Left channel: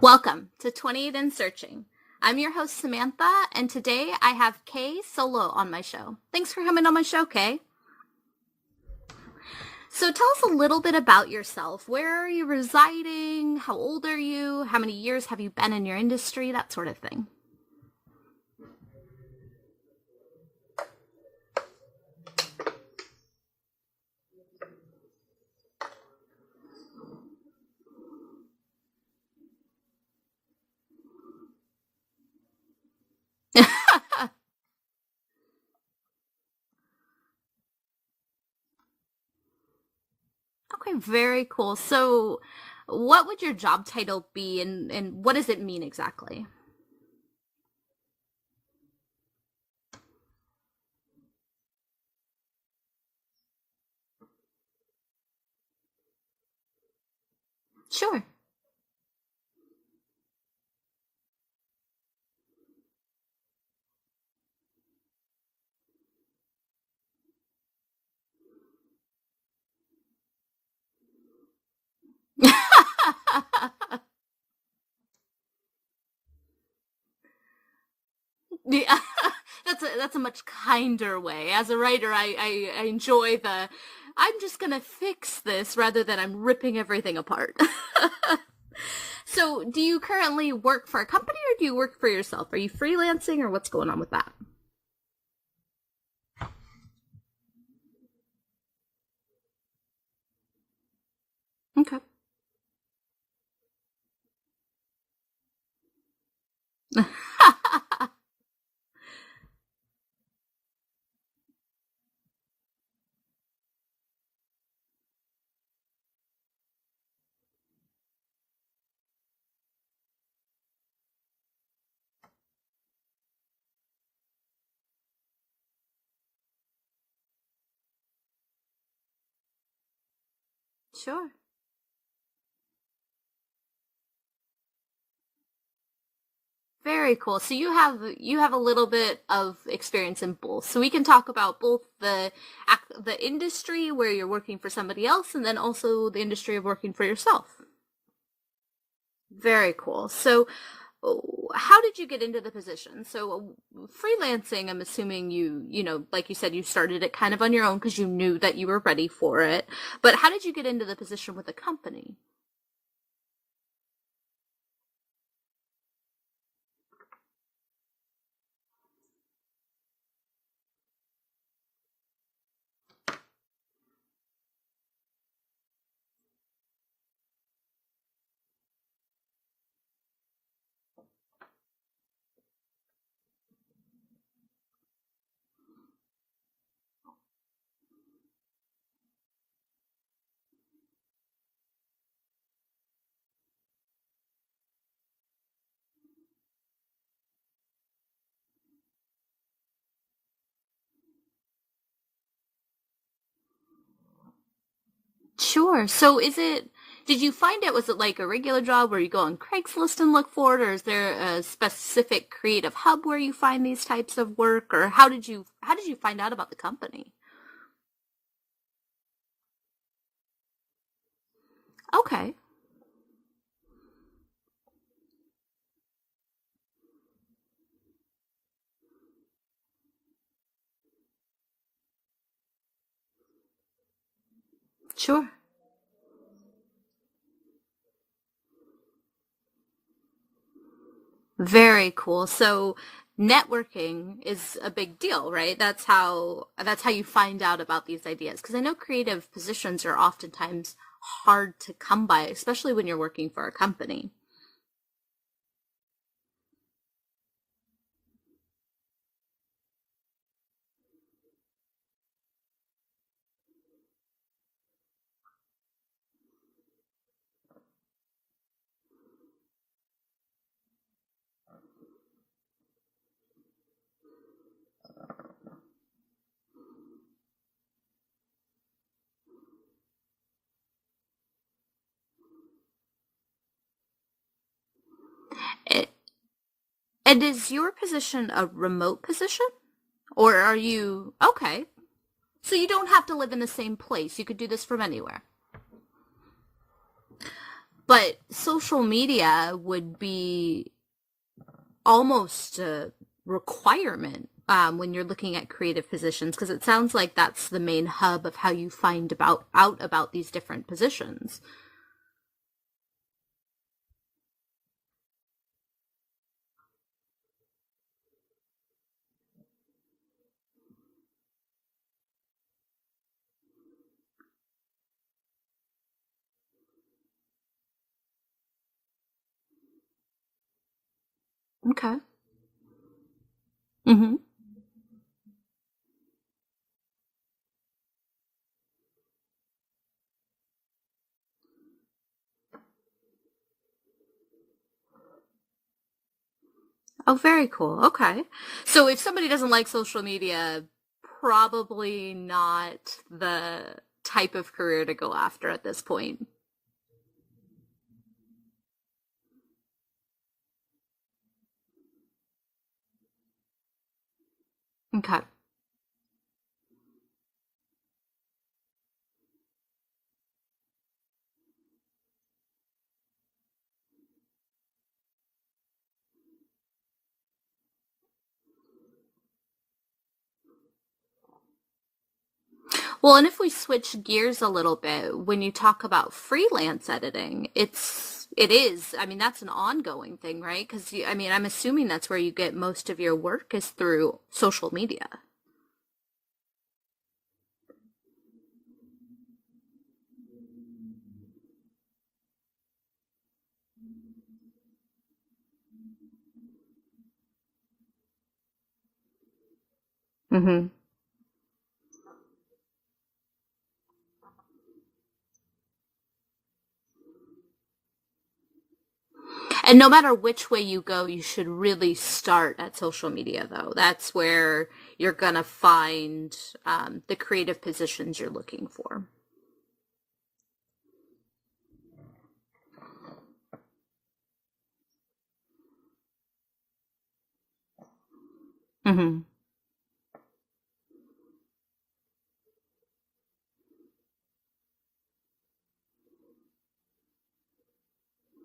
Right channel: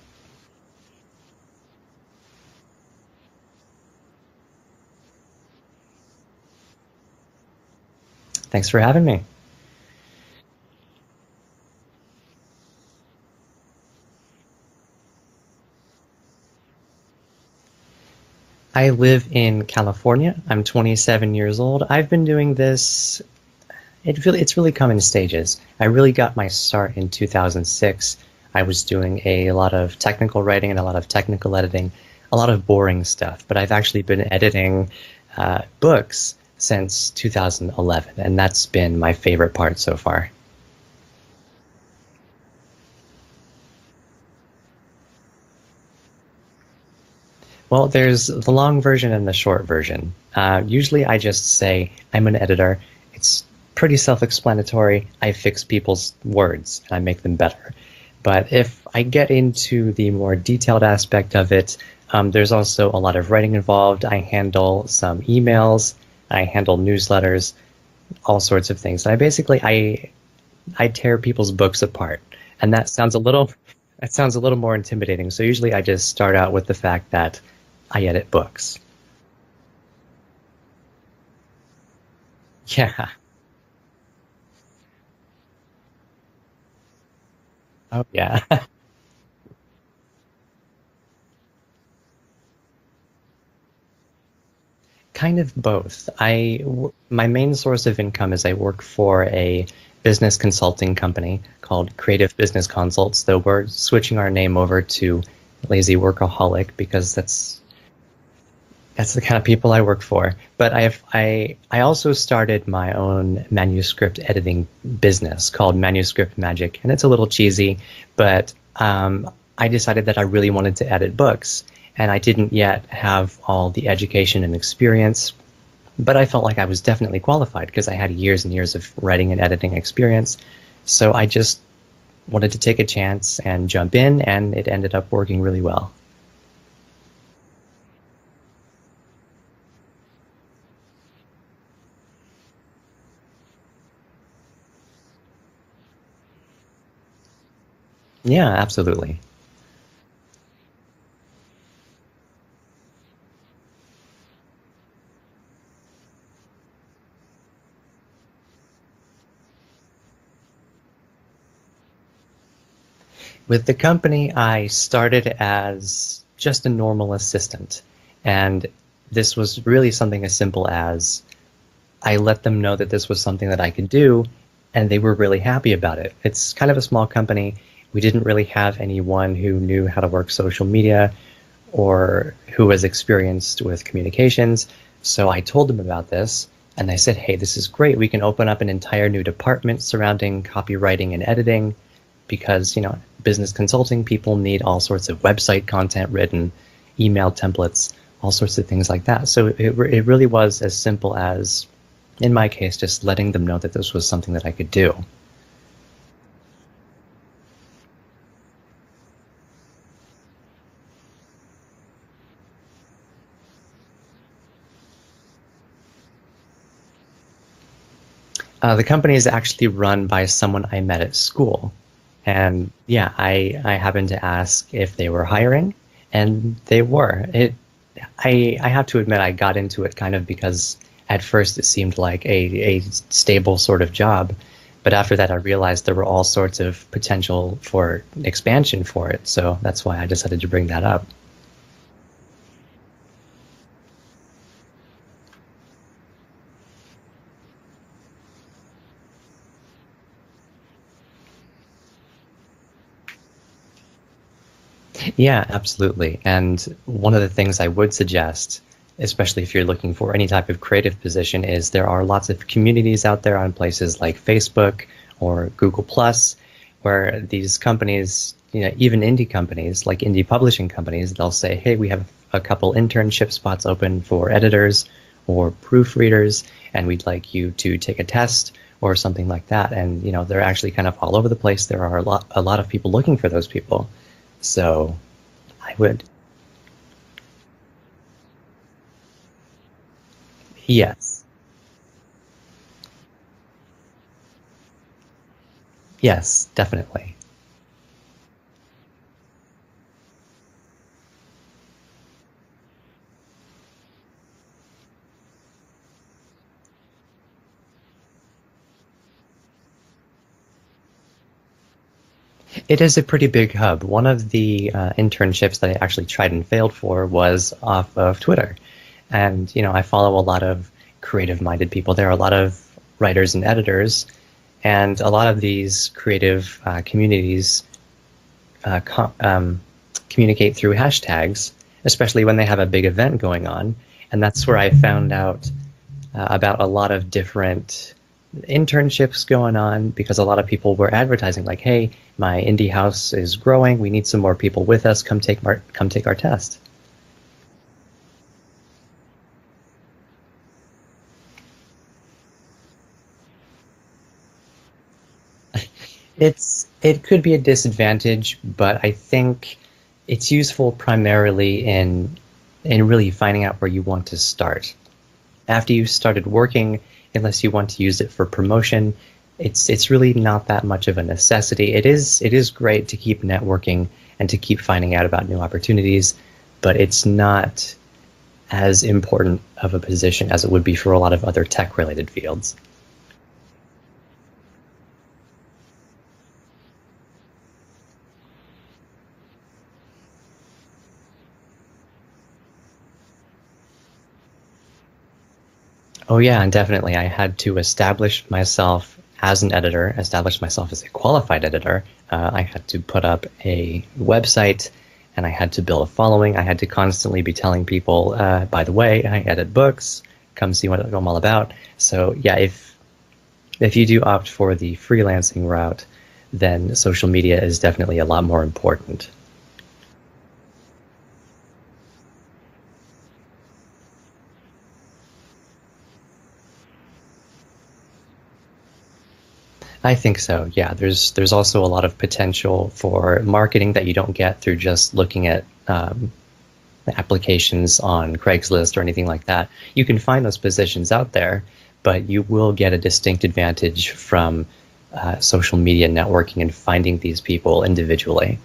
Welcome to 28 and Searching. I'm your host, Samantha, and today I have Kay Solo on my show. Thanks for coming on my show, Kay. Thanks for having me. So tell us a little bit about yourself. Where are you residing? How old are you? How many years have you been in your industry? That sort of thing. I live in California. I'm 27 years old. I've been doing this. It's really come in stages. I really got my start in 2006. I was doing a lot of technical writing and a lot of technical editing, a lot of boring stuff. But I've actually been editing books since 2011, and that's been my favorite part so far. Okay, very cool. So, what would your job title be, and what does it mean exactly? Well, there's the long version and the short version. Usually I just say I'm an editor. It's pretty self-explanatory. I fix people's words and I make them better. Sure. But if I get into the more detailed aspect of it, there's also a lot of writing involved. I handle some emails, I handle newsletters, all sorts of things. And I tear people's books apart, and that sounds a little more intimidating. So usually I just start out with the fact that I edit books. Yeah, that's a much kinder way. As a writer, I Yeah. enjoy the I'm just gonna fix this rather than I'm ripping everything apart. Oh, yeah. So, do you currently work for a company or do you work for yourself? Are you freelancing or what's going on with that? Kind of both. My main source of income is I work for a business consulting company called Okay. Creative Business Consults, though we're switching our name over to Lazy Workaholic because that's the kind of people I work for. But I also started my own manuscript editing business called Manuscript Magic, and it's a little cheesy, but I decided that I really wanted to edit books, and I didn't yet have all the education and experience, but I felt like I was definitely qualified because I had years and years of writing and editing experience. So I just wanted to take a chance and jump in, and it ended up working really well. Very cool. So you have a little bit of experience in both. So we can talk about both the industry where you're working for somebody else and then also the industry of working for yourself. Yeah, absolutely. Very cool. So how did you get into the position? So freelancing, I'm assuming like you said, you started it kind of on your own because you knew that you were ready for it. But how did you get into the position with the company? With the company, I started as just a normal assistant. And this was really something as simple as I let them know that this was something that I could do, and they were really happy about it. It's kind of a small company. We didn't really have anyone who knew how to work social media or who was experienced with communications. So I told them about this, and they said, hey, this is great. We can open up an entire new department surrounding copywriting and editing because, business consulting people need all sorts of website content written, email templates, all sorts of things like that. So it really was as simple as, in my case, just letting them know that this was something that I could do. Sure. So did you find it, was it like a regular job where you go on Craigslist and look for it, or is there a specific creative hub where you find these types of work, or how did you find out about the company? The company is actually run by someone I met at school. Okay. And yeah, I happened to ask if they were hiring, and they were. I have to admit, I got into it kind of because at first it seemed like a stable sort of job. But after Sure. that, I realized there were all sorts of potential for expansion for it. So that's why I decided to bring that up. Very cool. So networking is a big deal, right? That's how you find out about these ideas because I know creative positions are oftentimes hard to come by, especially when you're working for a company. Yeah, absolutely. And one of the things I would suggest, especially if you're looking for any type of creative position, is there are lots of communities out there on places like Facebook or Google Plus, where these companies, even indie companies like indie publishing companies, they'll say, hey, we have a couple internship spots open for editors or proofreaders, and we'd like you to take a test or something like that. And, they're actually kind of all over the place. There are a lot of people looking for those people. So I And would, and is your position a remote position? Or are you yes, okay? So you don't have to live in the same place. You could do this from anywhere. yes, definitely. But social media would be almost a requirement when you're looking at creative positions, because it sounds like that's the main hub of how you find out about these different positions. It is a pretty big hub. One of the internships that I actually tried and failed for was off of Twitter. And, I follow a lot of creative-minded people. There are a lot of writers and editors, and a lot of these creative communities communicate through hashtags, Okay. especially when they have a big event going on. Hmm. And that's where I found out about a lot of different internships going on, because a lot of people were advertising like, "Hey, my indie house is growing. We need some more people with us. Come take our test." Oh, very cool. Okay. So if somebody doesn't like social media, probably not the type of career to go after at this point. It could be a disadvantage, but I think it's useful primarily in really finding out where you want to start. Okay. After you've started working, unless you want to use it for promotion, it's really not that much of a necessity. It is great to keep networking and to keep finding out about new opportunities, but it's not as important of a position as it would be for a lot of other tech-related fields. Well, and if we switch gears a little bit, when you talk about freelance editing, I mean, that's an ongoing thing, right? Because, I mean, I'm assuming that's where you get most of your work is through social media. Oh yeah, and definitely I had to establish myself as an editor, establish myself as a qualified editor. I had to put up a website, and I had to build a following. I had to constantly be telling people, by the way, I edit books. Come Hmm. see what I'm all about. So yeah, if you do opt for the freelancing route, then social media is definitely a lot more important. And no matter which way you go, you should really start at social media, though. That's where you're going to find the creative positions you're looking for. I think so. Yeah, there's also a lot of potential for marketing that you don't get through just looking at applications on Craigslist or anything Hmm. like that. You can find those positions out there, but you will get a distinct advantage from social media networking and finding these people individually.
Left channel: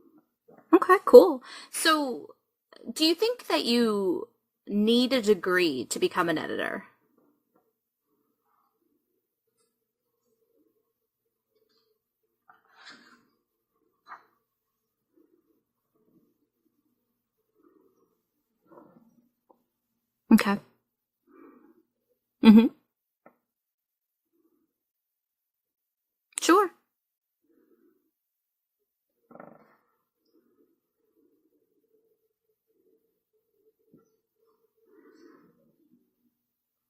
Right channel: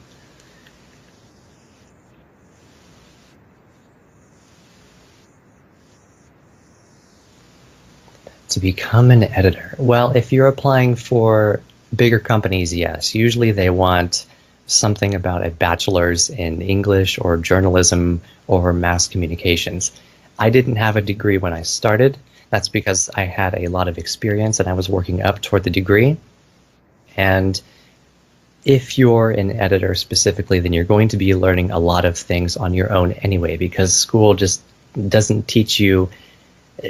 Okay, cool. So, do you think that you need a degree to become an editor? To become an editor, well, if you're applying for bigger companies, yes. Usually they want something about a bachelor's in English or journalism or mass communications. I Okay. didn't have a degree when I started. Hmm. That's because I had a lot of experience and I was working up toward the degree. Sure. And if you're an editor specifically, then you're going to be learning a lot of things on your own anyway, because school just doesn't teach you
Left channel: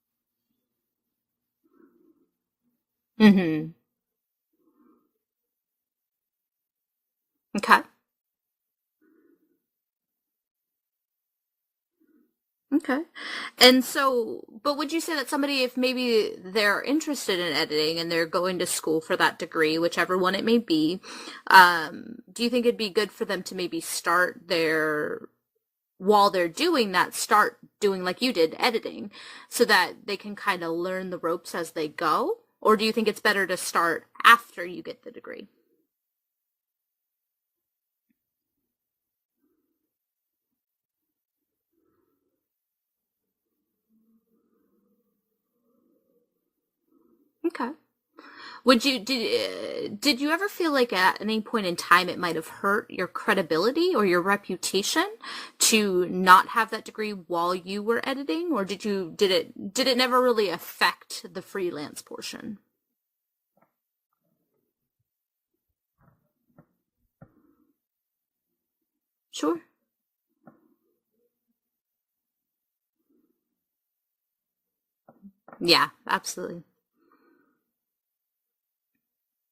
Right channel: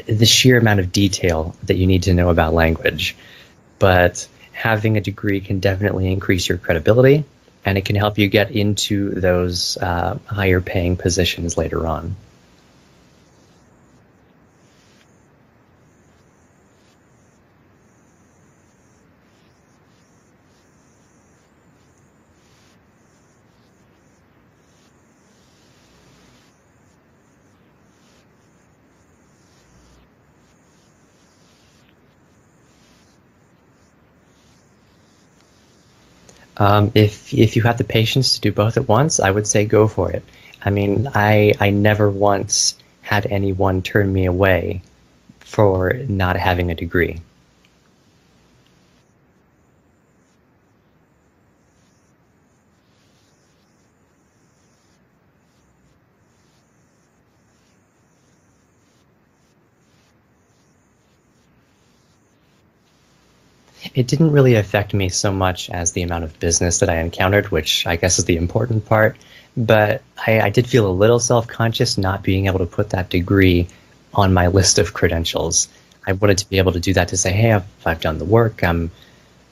the sheer amount of detail that you need to know about language. Hmm. But having a degree can definitely increase your credibility, and Okay. it can help you get into those higher paying positions later on. Okay. And so, but would you say that somebody, if maybe they're interested in editing and they're going to school for that degree, whichever one it may be, do you think it'd be good for them to maybe while they're doing that, start doing like you did, editing, so that they can kind of learn the ropes as they go? Or do you think it's better to start after you get the degree? If you have the patience to do both at once, I would say go for it. I mean, I never once had anyone turn me away for not having a degree. Okay. Did you ever feel like at any point in time it might have hurt your credibility or your reputation to not have that degree while you were editing, or did it never really affect the freelance portion? It didn't really affect me so much as the amount of business that I encountered, which I guess is the important part. Sure. But I did feel a little self-conscious not being able to put that degree on my list of credentials. Yeah, I wanted to be absolutely. able to do that to say, hey, I've done the work. I'm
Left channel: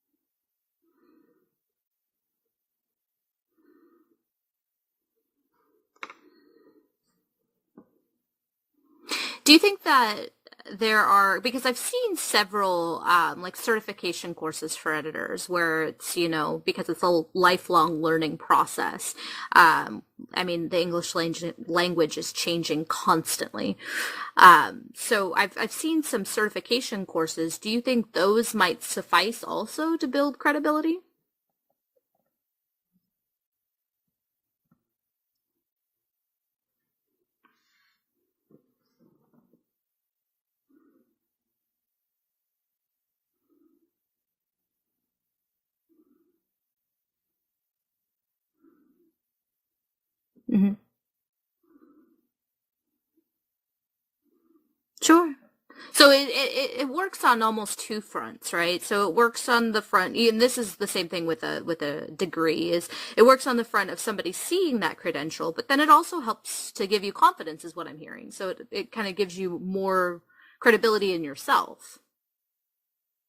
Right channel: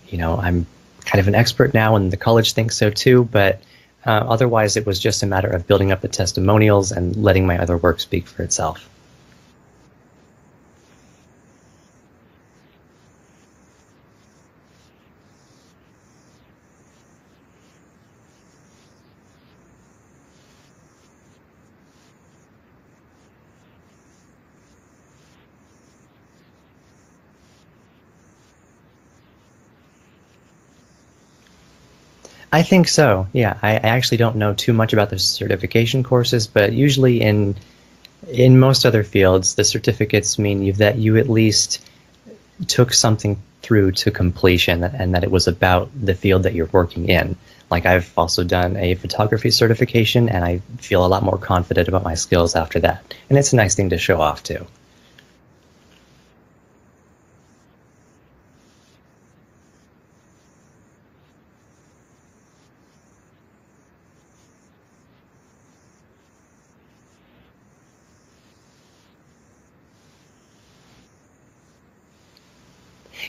kind of an expert now, and the college thinks so too. But otherwise, it was just a matter of building up the testimonials and letting my other work speak for itself. Do you think that there are, because I've seen several like certification courses for editors where it's, because it's a lifelong learning process. I mean, the English language is changing constantly. So I've seen some certification courses. Do you think those might suffice also to build credibility? I think so. Yeah, I actually don't know too much about the certification courses, but usually in most other fields, the certificates mean that you at least took something through to completion and that it was about the field that you're working in. Like I've also done a photography certification and I Hmm. feel a lot more confident about my skills after that. And it's a nice thing to show off too. Sure. So it works on almost two fronts, right? So it works on the front, and this is the same thing with a degree, is it works on the front of somebody seeing that credential, but then it also helps to give you confidence, is what I'm hearing. So it kind of gives you more credibility in yourself.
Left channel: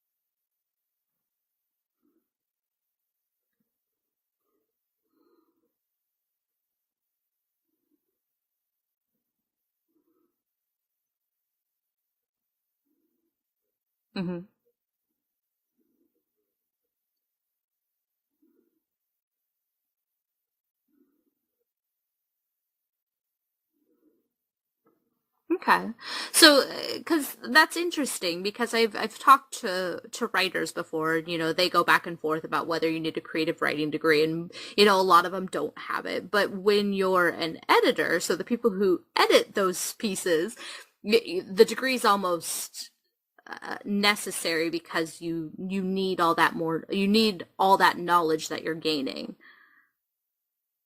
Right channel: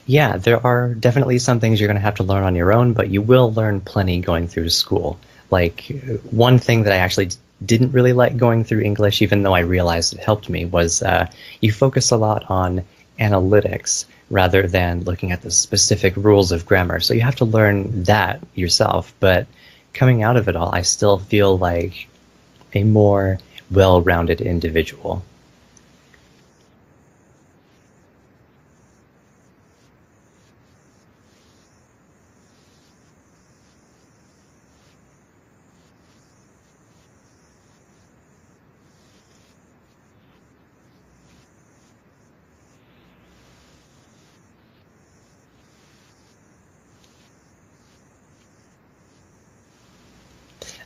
Yeah, there are definitely some things you're going to have to learn on your own, but you will learn plenty going through school. Like one thing that I actually didn't really like going through English, even though I realized it helped me, was you focus a lot on analytics Hmm. rather than looking at the specific rules of grammar. So you have to learn that yourself. But coming out of it all, I still feel like a more well-rounded individual. Okay. So, because that's interesting, because I've talked to writers before, and, they go back and forth about whether you need a creative writing degree, and, a lot of them don't have it. But when you're an editor, so the people who edit those pieces, the degree is almost necessary because you need all that more, you need all that knowledge that you're gaining.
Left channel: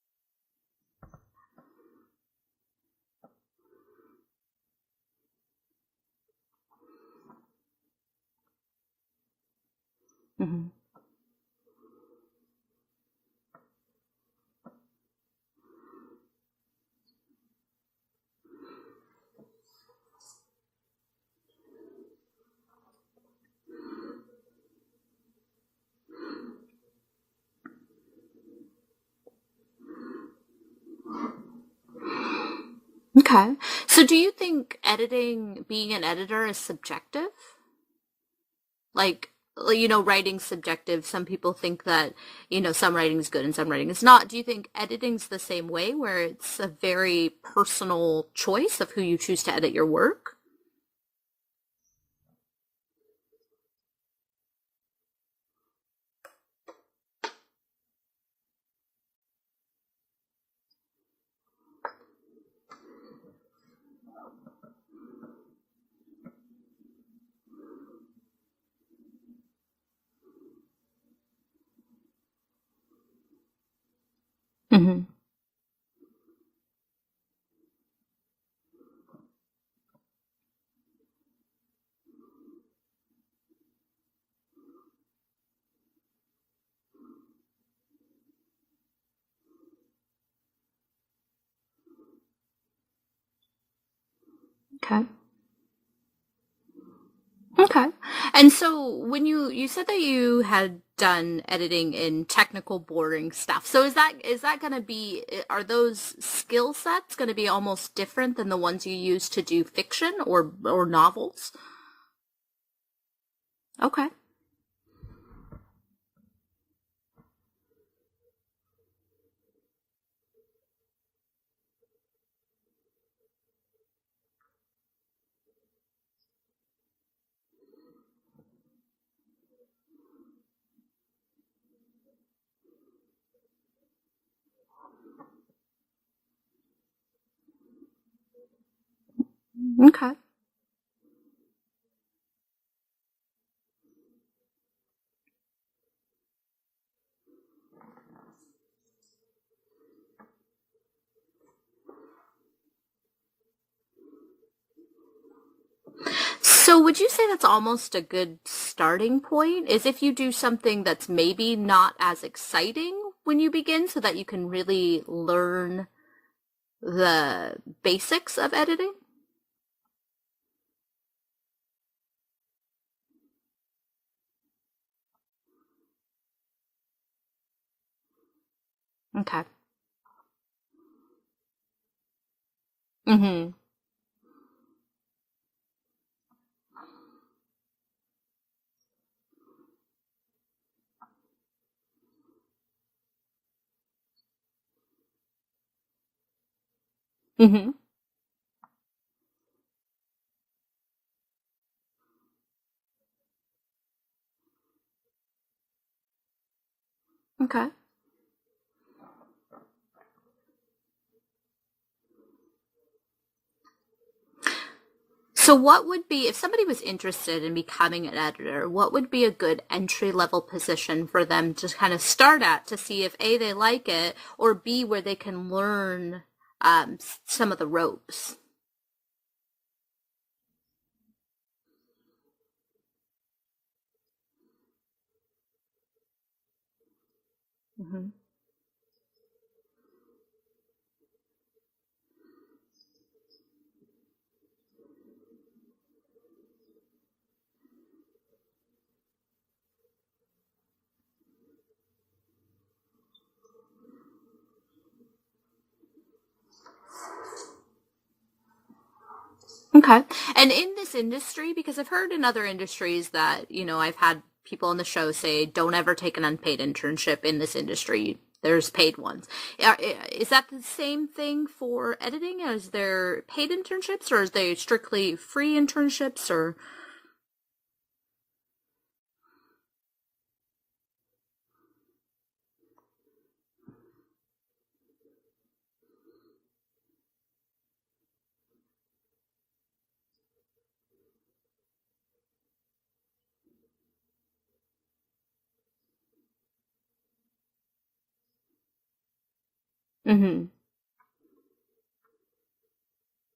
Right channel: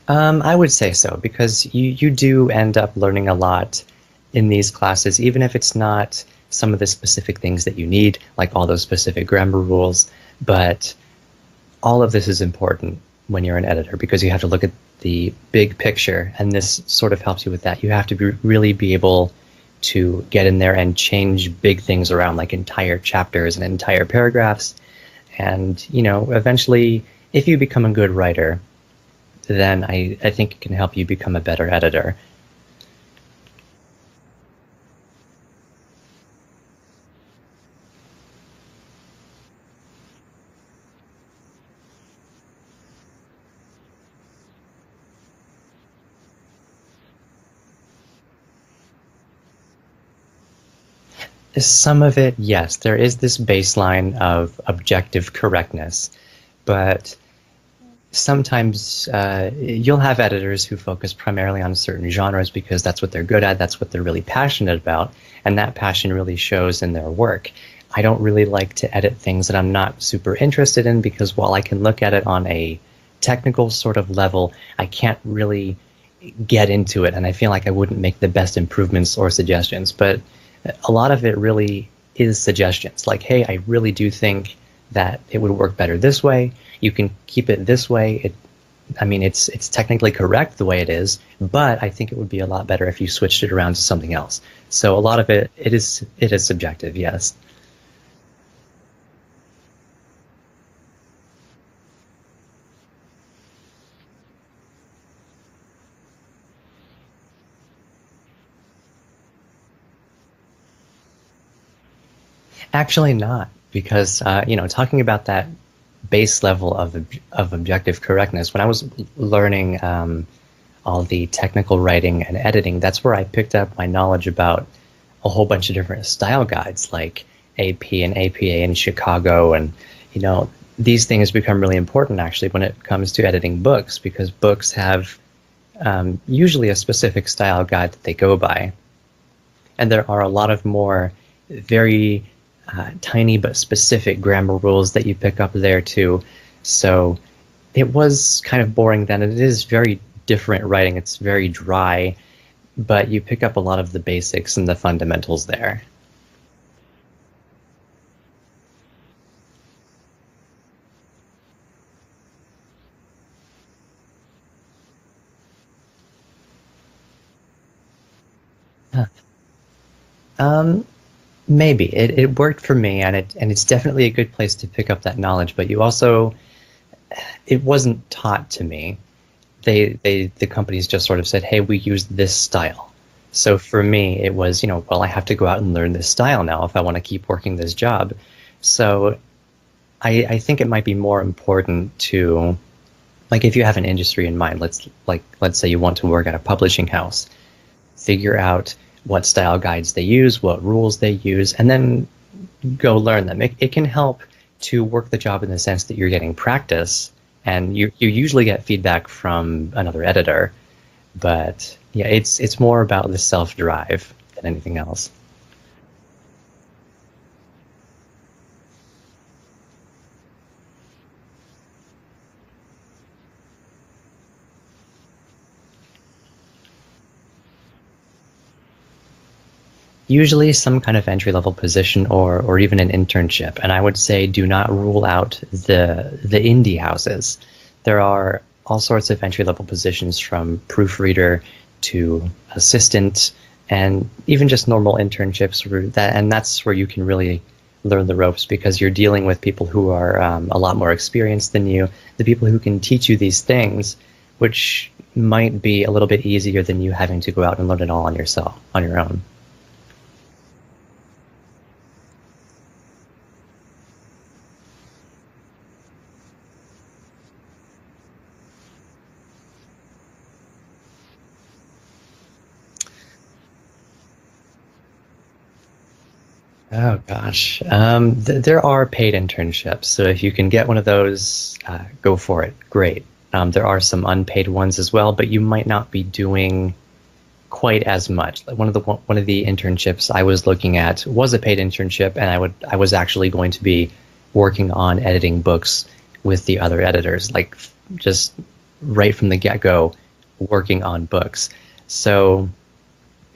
I would say so because you do end up learning a lot in these classes, even if it's not some of the specific things that you need, like all those specific grammar rules. Hmm. But all of this is important when you're an editor because you have to look at the big picture, and this sort of helps you with that. You have to really be able to get in there and change big things around, like entire chapters and entire paragraphs. And, eventually, if you become a good writer, then I think it can help you become a better editor. Okay. So, do you think being an editor is subjective? Like, writing's subjective. Some people think that, some writing is good and some writing is not. Do you think editing's the same way, where it's a very personal choice of who you choose to edit your work? Some of it, yes, there is this baseline of objective correctness, but sometimes you'll have editors who focus primarily on certain genres because that's what they're good at, that's what they're really passionate about, and that passion really shows in their work. I don't really like to edit things that I'm not super interested in because while I can look at it on a technical sort of level, I Hmm. can't really get into it, and I feel like I wouldn't make the best improvements or suggestions. But a lot of it really is suggestions. Like, hey, I really do think that it would work better this way. You can keep it this way. I mean, it's technically correct the way it is, but I think it would be a lot better if you switched it around to something else. So a Okay. lot of it is subjective, yes. Okay. And so when you said that you had done editing in technical boring stuff. So is that going to be, are those skill sets going to be almost different than the ones you use to do fiction or novels? Actually, not Okay. because talking about that base level of objective correctness. When I was learning all the technical writing and editing, that's where I picked up my knowledge about a whole bunch of different style guides like AP and APA in Chicago, and you know these things become really important actually when it comes to editing books because books have usually a specific style guide that they go by, and there Okay. are a lot of more very tiny but specific grammar rules that you pick up there too. So it was kind of boring then. It is very different writing. It's very dry, but you pick up a lot of the basics and the fundamentals there. So would you say that's almost a good starting point? Is if you do something that's maybe not as exciting when you begin so that you can really learn the basics of editing? Um, Maybe it worked for me, and it's definitely a good place to pick up that knowledge. But you also, it wasn't taught to me. Okay. The companies just sort of said, "Hey, we use this style." Mm-hmm. So for me, it was, well, I have to go out and learn this style now if I want to keep working this job. So I think it might be more important to, like, if you have an industry in mind, let's say you want to work at a publishing house, Mm-hmm. figure out what style guides they use, what rules they use, and then go learn them. It can help to work the job in the sense that you're getting practice, Okay. And you usually get feedback from another editor, but yeah, it's more about the self-drive than anything else. So, what would be, if somebody was interested in becoming an editor, what would be a good entry level position for them to kind of start at to see if A, they like it, or B, where they can learn some of the ropes? Usually some kind of entry-level position or even an internship. And I would say do not rule out the indie houses. There are all sorts of entry-level positions from proofreader to assistant and even just normal internships and that's where you can really learn the ropes because you're dealing with people who are a lot more experienced than you, the people who can teach you these things, which might be a little bit easier than you having to go out and learn it all on yourself, on your own. Okay. And in this industry, because I've heard in other industries that, I've had people on the show say, don't ever take an unpaid internship in this industry. There's paid ones. Is that the same thing for editing? Is there paid internships or is they strictly free internships or? Oh gosh, there are paid internships, so if you can get one of those, go for it. Great. There are some unpaid ones as well, but you might not be doing quite as much. Like one of the internships I was looking at was a paid internship, and I was actually going to be working on editing books with the other editors, like just right from the get-go, working on books. So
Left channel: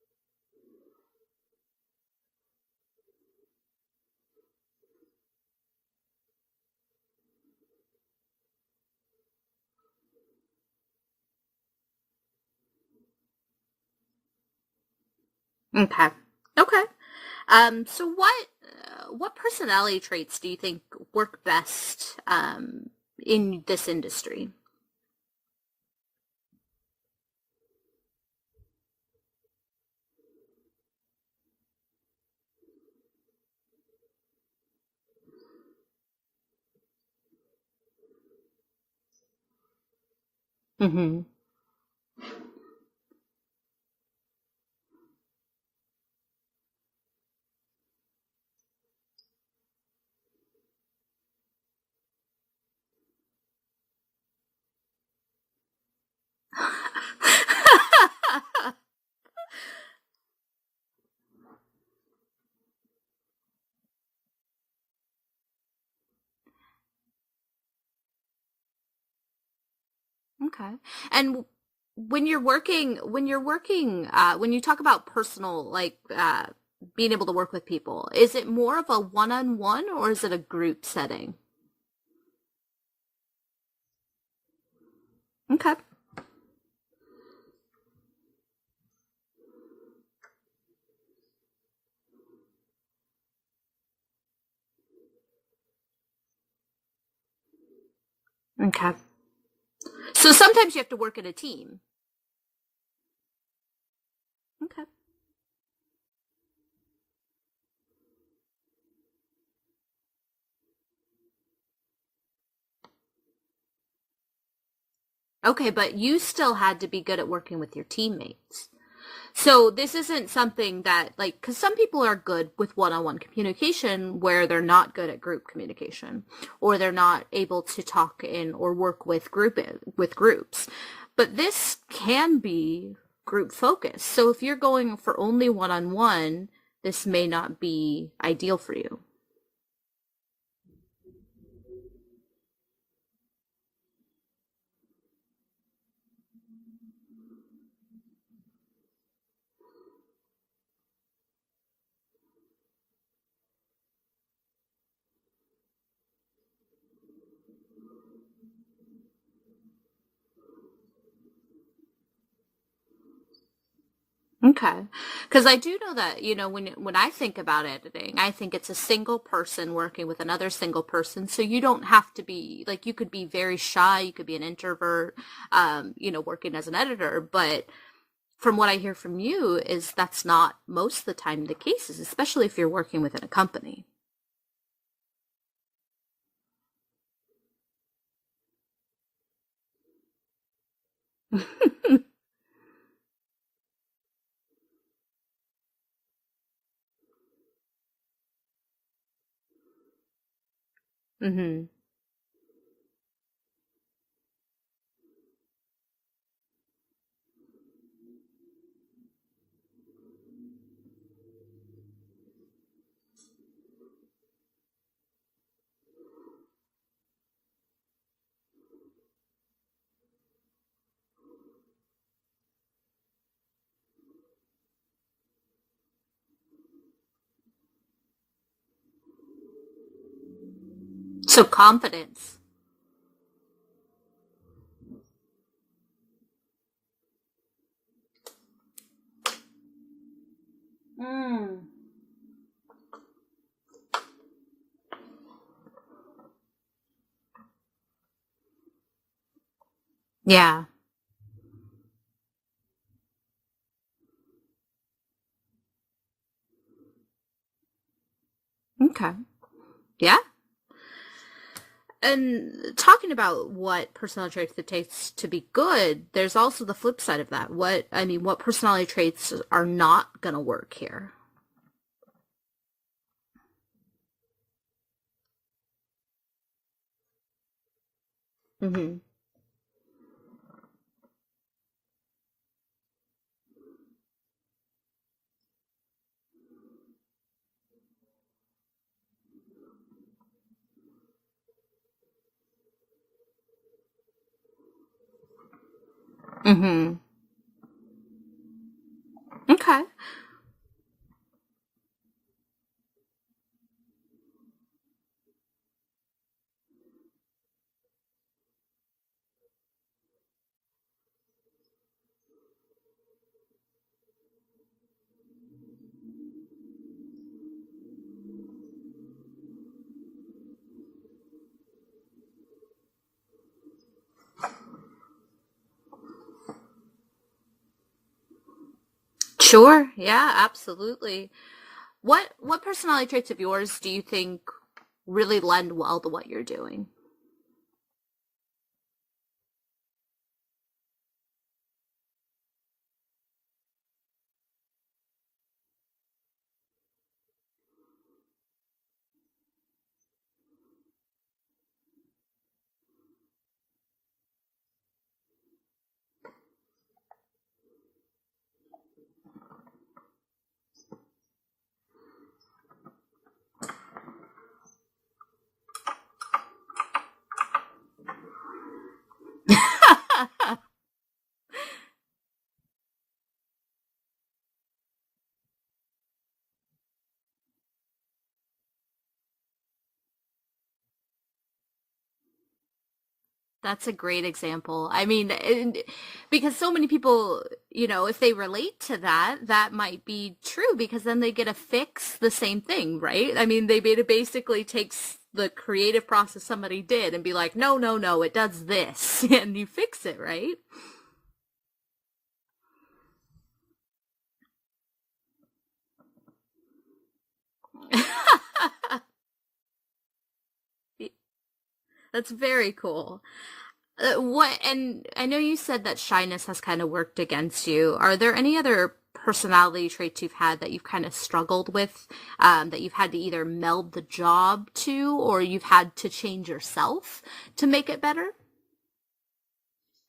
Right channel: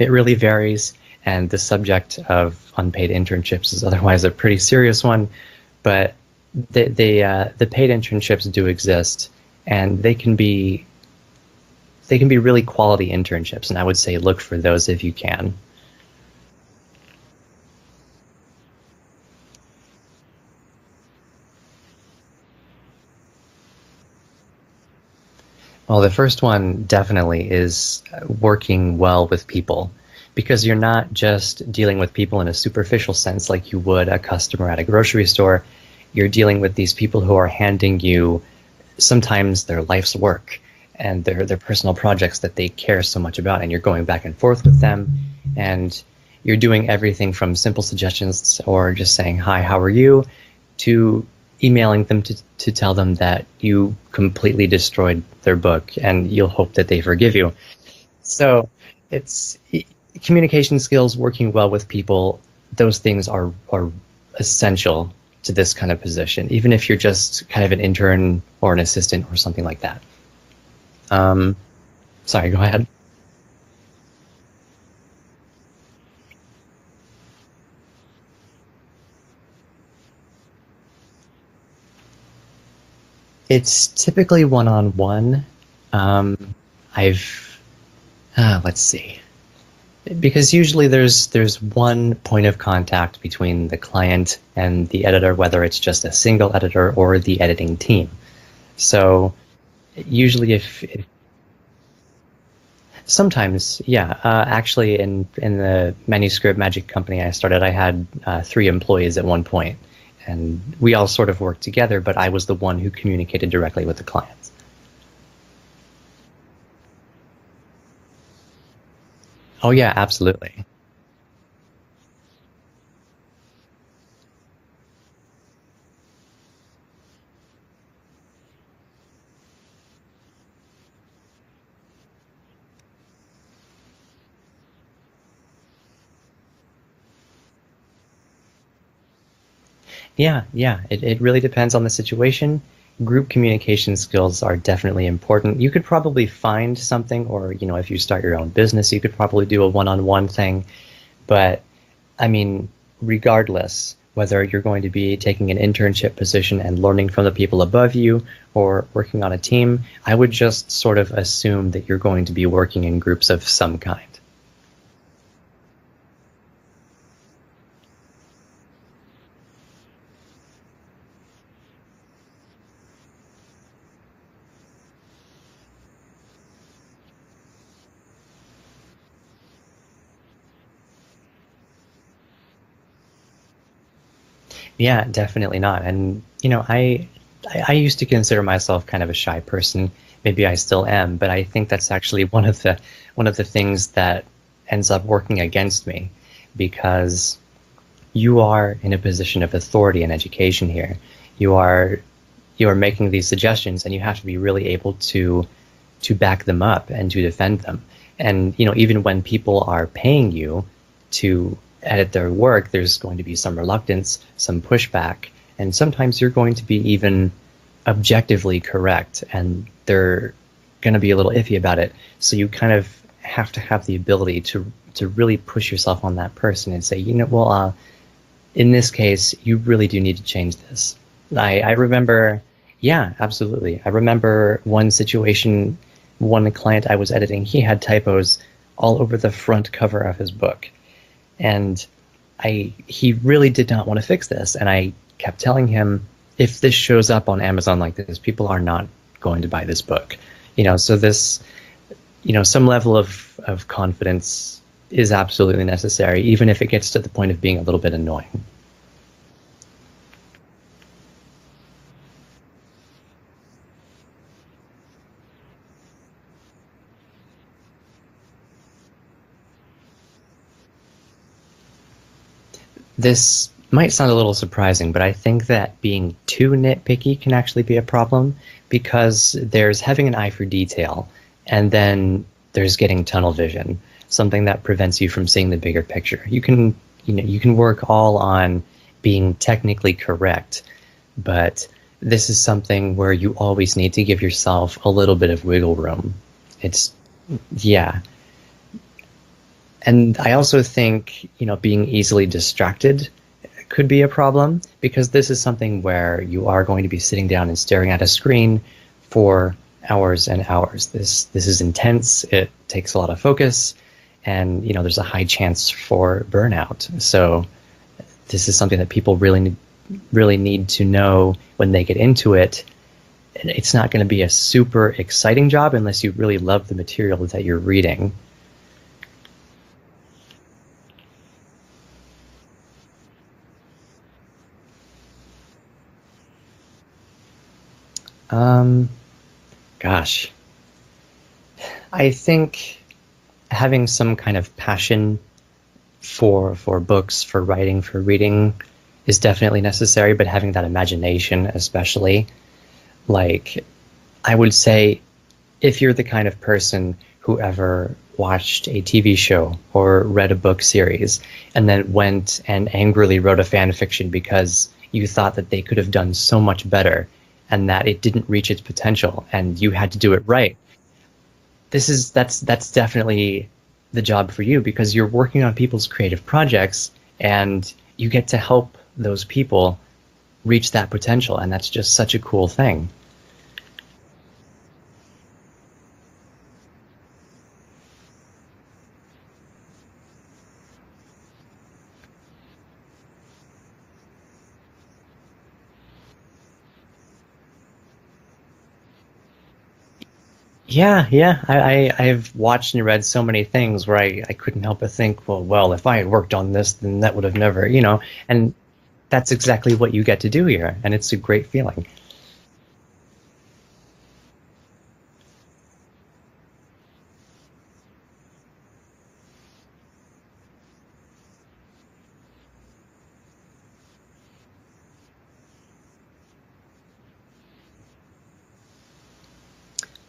it really varies, and the subject of unpaid internships is otherwise a pretty serious one, but the paid internships do exist, and they can be really quality internships, and I would say look for those if you can. Okay. Okay. So what personality traits do you think work best in this industry? Well, the first one definitely is working well with people, because you're not just dealing with people in a superficial sense like you would a customer at a grocery store. You're dealing with these people who are handing you sometimes their life's work and their personal projects that they care so much about, and you're going back and forth with them, and you're doing everything from simple suggestions or just saying, hi, how are you, to emailing them to tell them that you completely destroyed their book and you'll hope that they forgive you. So it's communication skills, working well with people, those things are essential to this kind of position, even if you're just kind of an intern or an assistant or something like that. Okay. And Sorry, go ahead. when you talk about personal, like being able to work with people, is it more of a one-on-one or is it a group setting? It's typically one-on-one. Okay. I've let's see. Because usually there's one point of contact between the client and the editor, whether it's just a single editor or the editing team. Okay. So usually, sometimes you have to work in a team. Sometimes, yeah. Actually, in the Manuscript Magic company I started, I had 3 employees at one point, and we all sort of worked together, but I was the one who communicated directly with the clients. Okay, but you still had to be good at working with your teammates. So Oh yeah, this isn't absolutely. something that, like, because some people are good with one-on-one communication where they're not good at group communication, or they're not able to talk in or work with groups. But this can be group focused. So if you're going for only one-on-one, this may not be ideal for you. Yeah, yeah. It really depends on the situation. Group communication skills are definitely important. You could probably find something, or, if you start your own business, you could probably do a one-on-one thing. But, I mean, regardless, whether you're going to be taking an internship position and learning from the people above you or working on a team, I would just sort of assume that you're going to be working in groups of some kind. Okay. Because I do know that, when I think about editing, I think it's a single person working with another single person. So you don't have to be, like, you could be very shy, you could be an introvert, working as an editor. But from what I hear from you is that's not most of the time the case, especially if you're working within a company. Yeah, definitely not. And, I used to consider myself kind of a shy person. Maybe I still am, but I think that's actually one of the things that ends up working against me, because you are in a position of authority in education here. You are you're making these suggestions, and you have to be really able to back them up and to defend them. And even when people are paying you to edit their work, there's going to be some reluctance, some pushback, and sometimes you're going to be even objectively correct, and they're going to be a little iffy about it. So you kind of have to have the ability to really push yourself on that person and say, well, in this case, you really do need to change this. So I remember, yeah, absolutely. I remember one situation, one client I was editing, he had typos all over the front cover of his book. And he really did not want to fix this. And I kept telling him, if this shows up on Amazon like this, people are not going to buy this book. Yeah. So this, some level of confidence is absolutely necessary, even if it gets to the point of being a little bit annoying. Okay. Yeah. And talking about what personality traits it takes to be good, there's also the flip side of that. What personality traits are not going to work here? This might sound a little surprising, but I think that being too nitpicky can actually be a problem, because there's having an eye for detail, and then there's getting tunnel vision, something that prevents you from seeing the bigger picture. You can work all on being technically correct, but this is something where you always need to give yourself a little bit of wiggle room. Yeah. Okay. And I also think, being easily distracted could be a problem, because this is something where you are going to be sitting down and staring at a screen for hours and hours. This is intense. It takes a lot of focus, and there's a high chance for burnout. So this is something that people really need to know when they get into it. And it's not going to be a super exciting job unless you really love the material that you're reading. Sure. Yeah, absolutely. What personality traits of yours do you think really lend well to what you're doing? Gosh. I think having some kind of passion for books, for writing, for reading is definitely necessary, but having that imagination especially. Like, I would say, if you're the kind of person who ever watched a TV show or read a book series and then went and angrily wrote a fan fiction because you thought that they could have done so much better and that it didn't reach its potential and you had to do it right, that's definitely the job for you, because you're working on people's creative projects and you get to help those people reach that potential, and that's just such a cool thing. That's a great example. I mean, because so many people, if they relate to that, that might be true, because then they get to fix the same thing, right? I mean, it basically takes the creative process somebody did and be like, no, it does this, and you fix it, right? Yeah. I've watched and read so many things where I couldn't help but think, well, if I had worked on this, then that would have never, and that's exactly what you get to do here, and it's a great feeling. That's very cool. And I know you said that shyness has kind of worked against you. Are there any other personality traits you've had that you've kind of struggled with, that you've had to either meld the job to, or you've had to change yourself to make it better?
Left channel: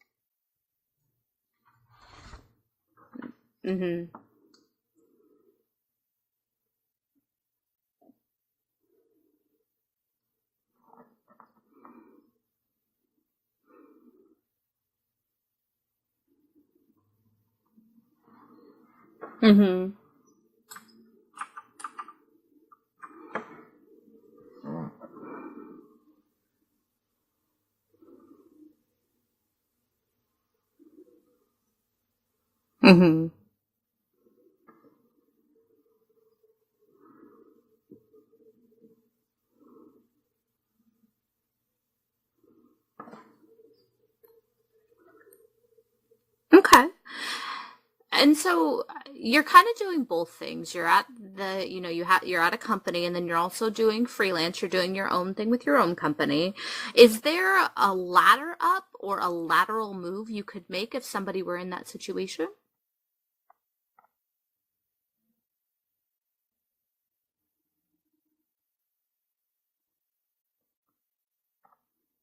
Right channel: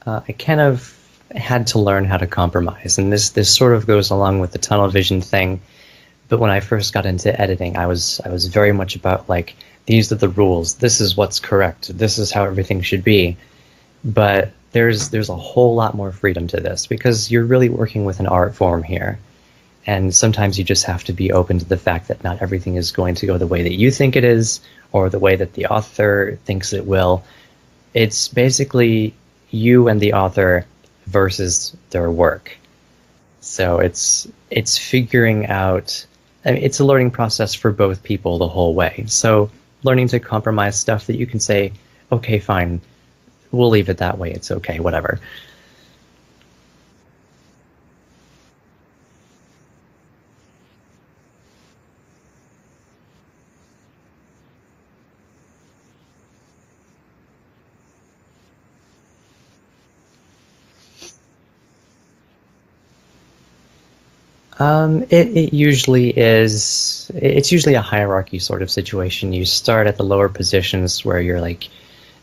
I kind of had to learn how to compromise, and this sort of goes along with the tunnel vision thing. But when I first got into editing, I was very much about, like, these are the rules, this is what's correct, this is how everything should be. But there's a whole lot more freedom to this, because you're really working with an art form here. And sometimes you just have to be open to the fact that not everything is going to go the way that you think it is, or the way that the author thinks it will. It's basically you and the author versus their work. So it's figuring out, I mean, it's a learning process for both people the whole way. So learning to compromise stuff that you can say, okay, fine, we'll leave it that way, it's okay, whatever. Okay. And so you're kind of doing both things. You're at you're at a company, and then you're also doing freelance. You're doing your own thing with your own company. Is there a ladder up or a lateral move you could make if somebody were in that situation? It usually is. It's usually a hierarchy sort of situation. You start at the lower positions where you're like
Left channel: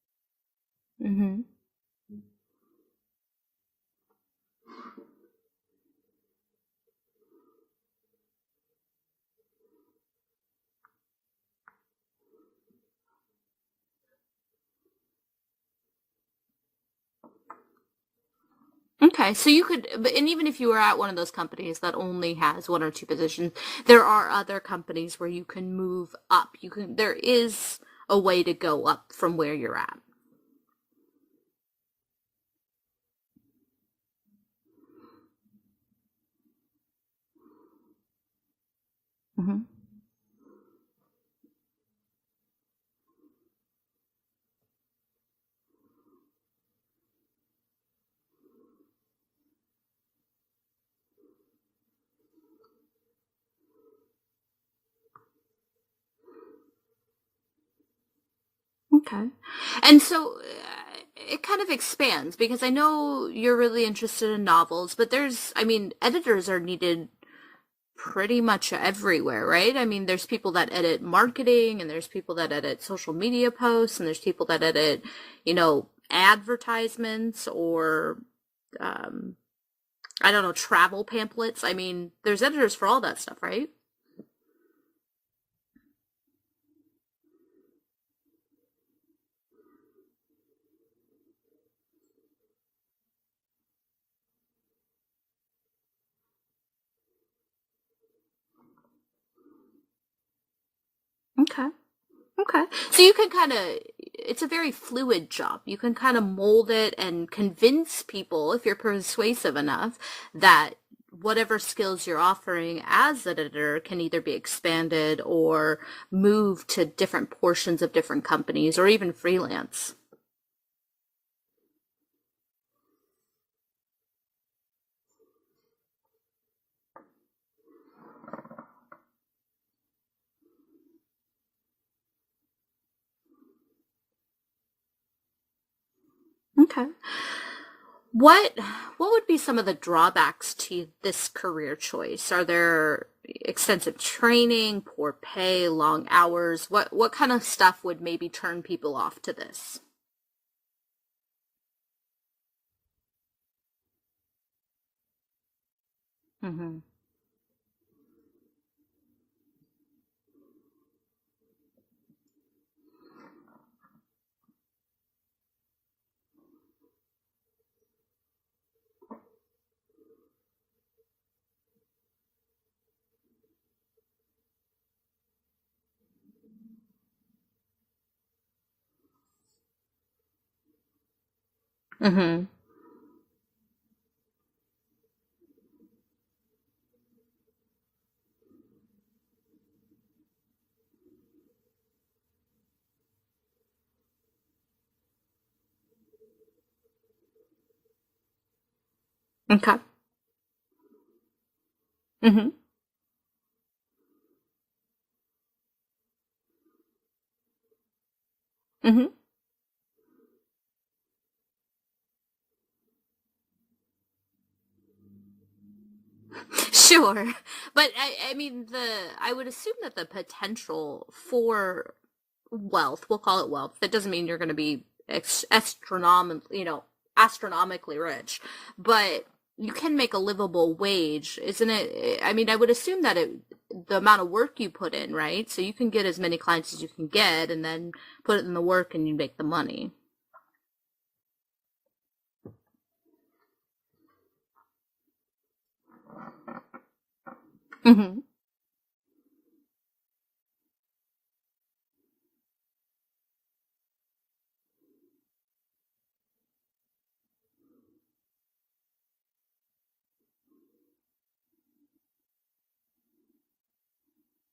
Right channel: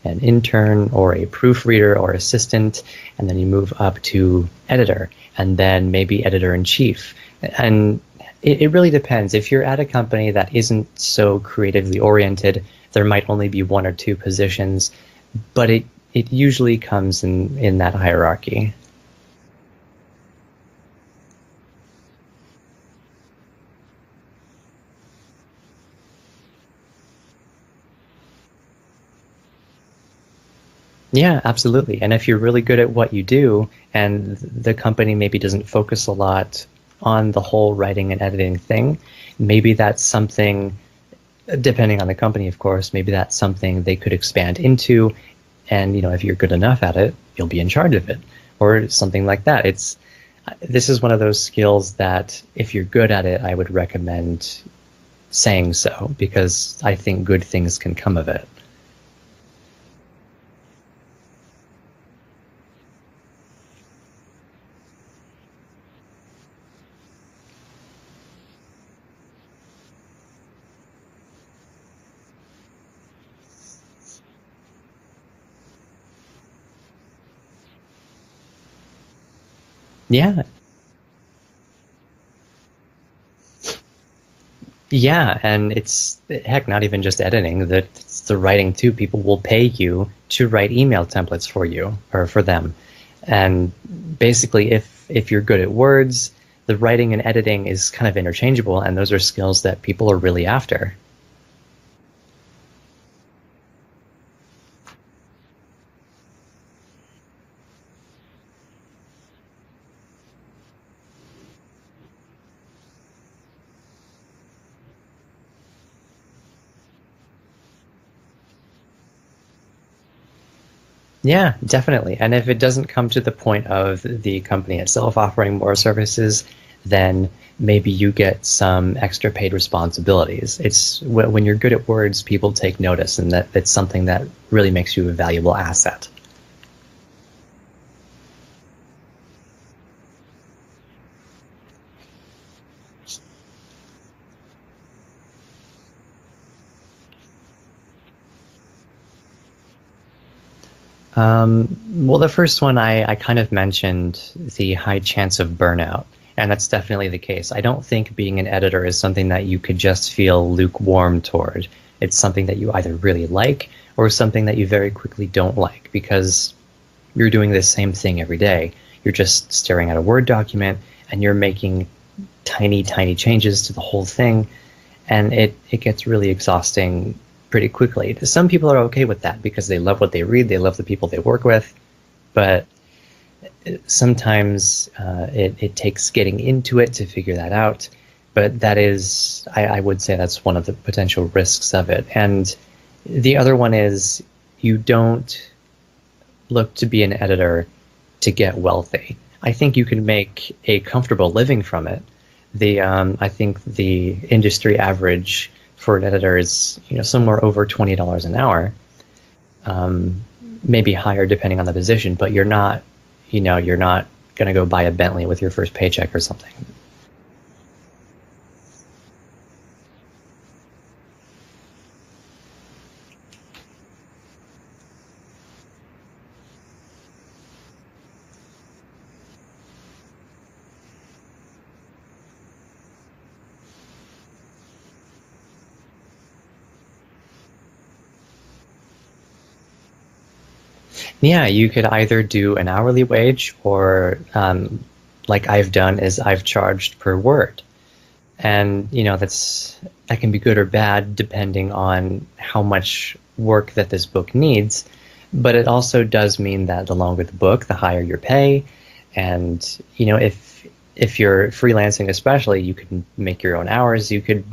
an intern or a proofreader or assistant, and then you move up to editor, and then maybe editor in chief. And it really depends. If you're at a company that isn't so creatively oriented, there might only be one or two positions, but it usually comes in that hierarchy. Okay, so you could, and even if you were at one of those companies that only has one or two positions, there are other companies where you can move up. There is a way to go up from where you're at. Yeah, absolutely. And if you're really good at what you do, and the company maybe doesn't focus a lot on the whole writing and editing thing, maybe that's something, depending on the company, of course, maybe that's something they could expand into. And, if you're good enough at it, you'll be in charge of it, or something like that. This is one of those skills that if you're good at it, I would recommend saying so, because I think good things can come of it. Okay. And so it kind of expands because I know you're really interested in novels, but editors are needed pretty much everywhere, right? I mean, there's people that edit marketing, and there's people that edit social media posts, and there's people that edit, advertisements or, I don't Yeah. know, travel pamphlets. I mean, there's editors for all that stuff, right? Yeah, and it's heck, not even just editing, that it's the writing too. People will pay you to write email templates for you or for them. And basically if you're good at words, the writing and editing is kind of interchangeable, and those are skills that people are really after. Okay. Okay. So you can kind of, it's a very fluid job. You can kind of mold it and convince people, if you're persuasive enough, that whatever skills you're offering as an editor can either be expanded or moved to different portions of different companies or even freelance. Yeah, definitely. And if it doesn't come to the point of the company itself offering more services, then maybe you get some extra paid responsibilities. It's when you're good at words, people take notice, and that's something that really makes you a valuable asset. Okay. What what would be some of the drawbacks to this career choice? Are there extensive training, poor pay, long hours? What kind of stuff would maybe turn people off to this? Well, the first one I kind of mentioned, the high chance of burnout, and that's Mm-hmm. definitely the case. I don't think being an editor is something that you could just feel lukewarm toward. It's something that you either really like or something that you very quickly don't like, because you're doing the same thing every day. You're just staring at a Word document and you're making tiny, tiny changes to the whole thing, and it gets really exhausting pretty quickly. Some people are okay with that because they love what they read, they love the people they work with, Mm-hmm. but sometimes it takes getting into it to figure that out. But that is, I would say that's one of the potential risks of it. And the other one is you don't look to be an editor to get wealthy. I Okay. think you can make a comfortable living from it. Mm-hmm. I think the industry average for an editor is somewhere over $20 an hour, Mm-hmm. maybe higher depending on the position. But you're not going to go buy a Bentley with your first paycheck or something. Sure. But I mean, I would assume that the potential for wealth, we'll call it wealth, that doesn't mean you're going to be astronomically rich, but you can make a livable wage, isn't it? I mean, I would assume that the amount of work you put in, right? So you can get as many clients as you can get and then put it in the work and you make the money. Yeah, you could either do an hourly wage, or like I've done, is I've charged per word. Mm-hmm. And that can be good or bad depending on how much work that this book needs. But it also does mean that the longer the book, the higher your pay. And if you're freelancing, especially, you can make your own hours. You could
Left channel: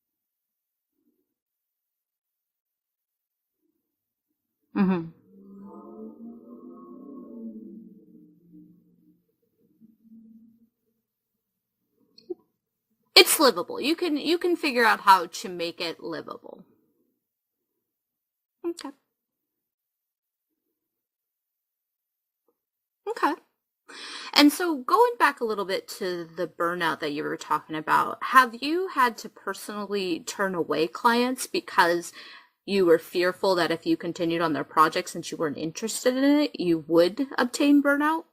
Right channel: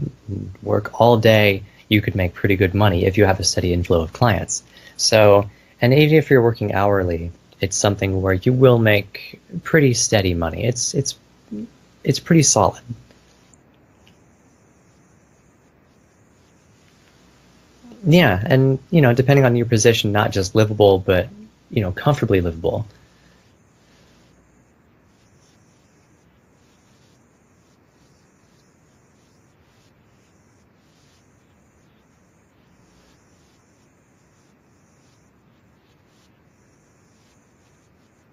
work all day. You could make pretty good money if you have a steady inflow of clients. Mm-hmm. So, and even if you're working hourly, it's something where you will make pretty steady money. It's pretty solid. It's livable. You can figure out how to make it livable. Yeah, and Okay. depending on your position, not just livable, but comfortably livable. Okay. And so going back a little bit to the burnout that you were talking about, have you had to personally turn away clients because you were fearful that if you continued on their project since you weren't interested in it, you would obtain burnout?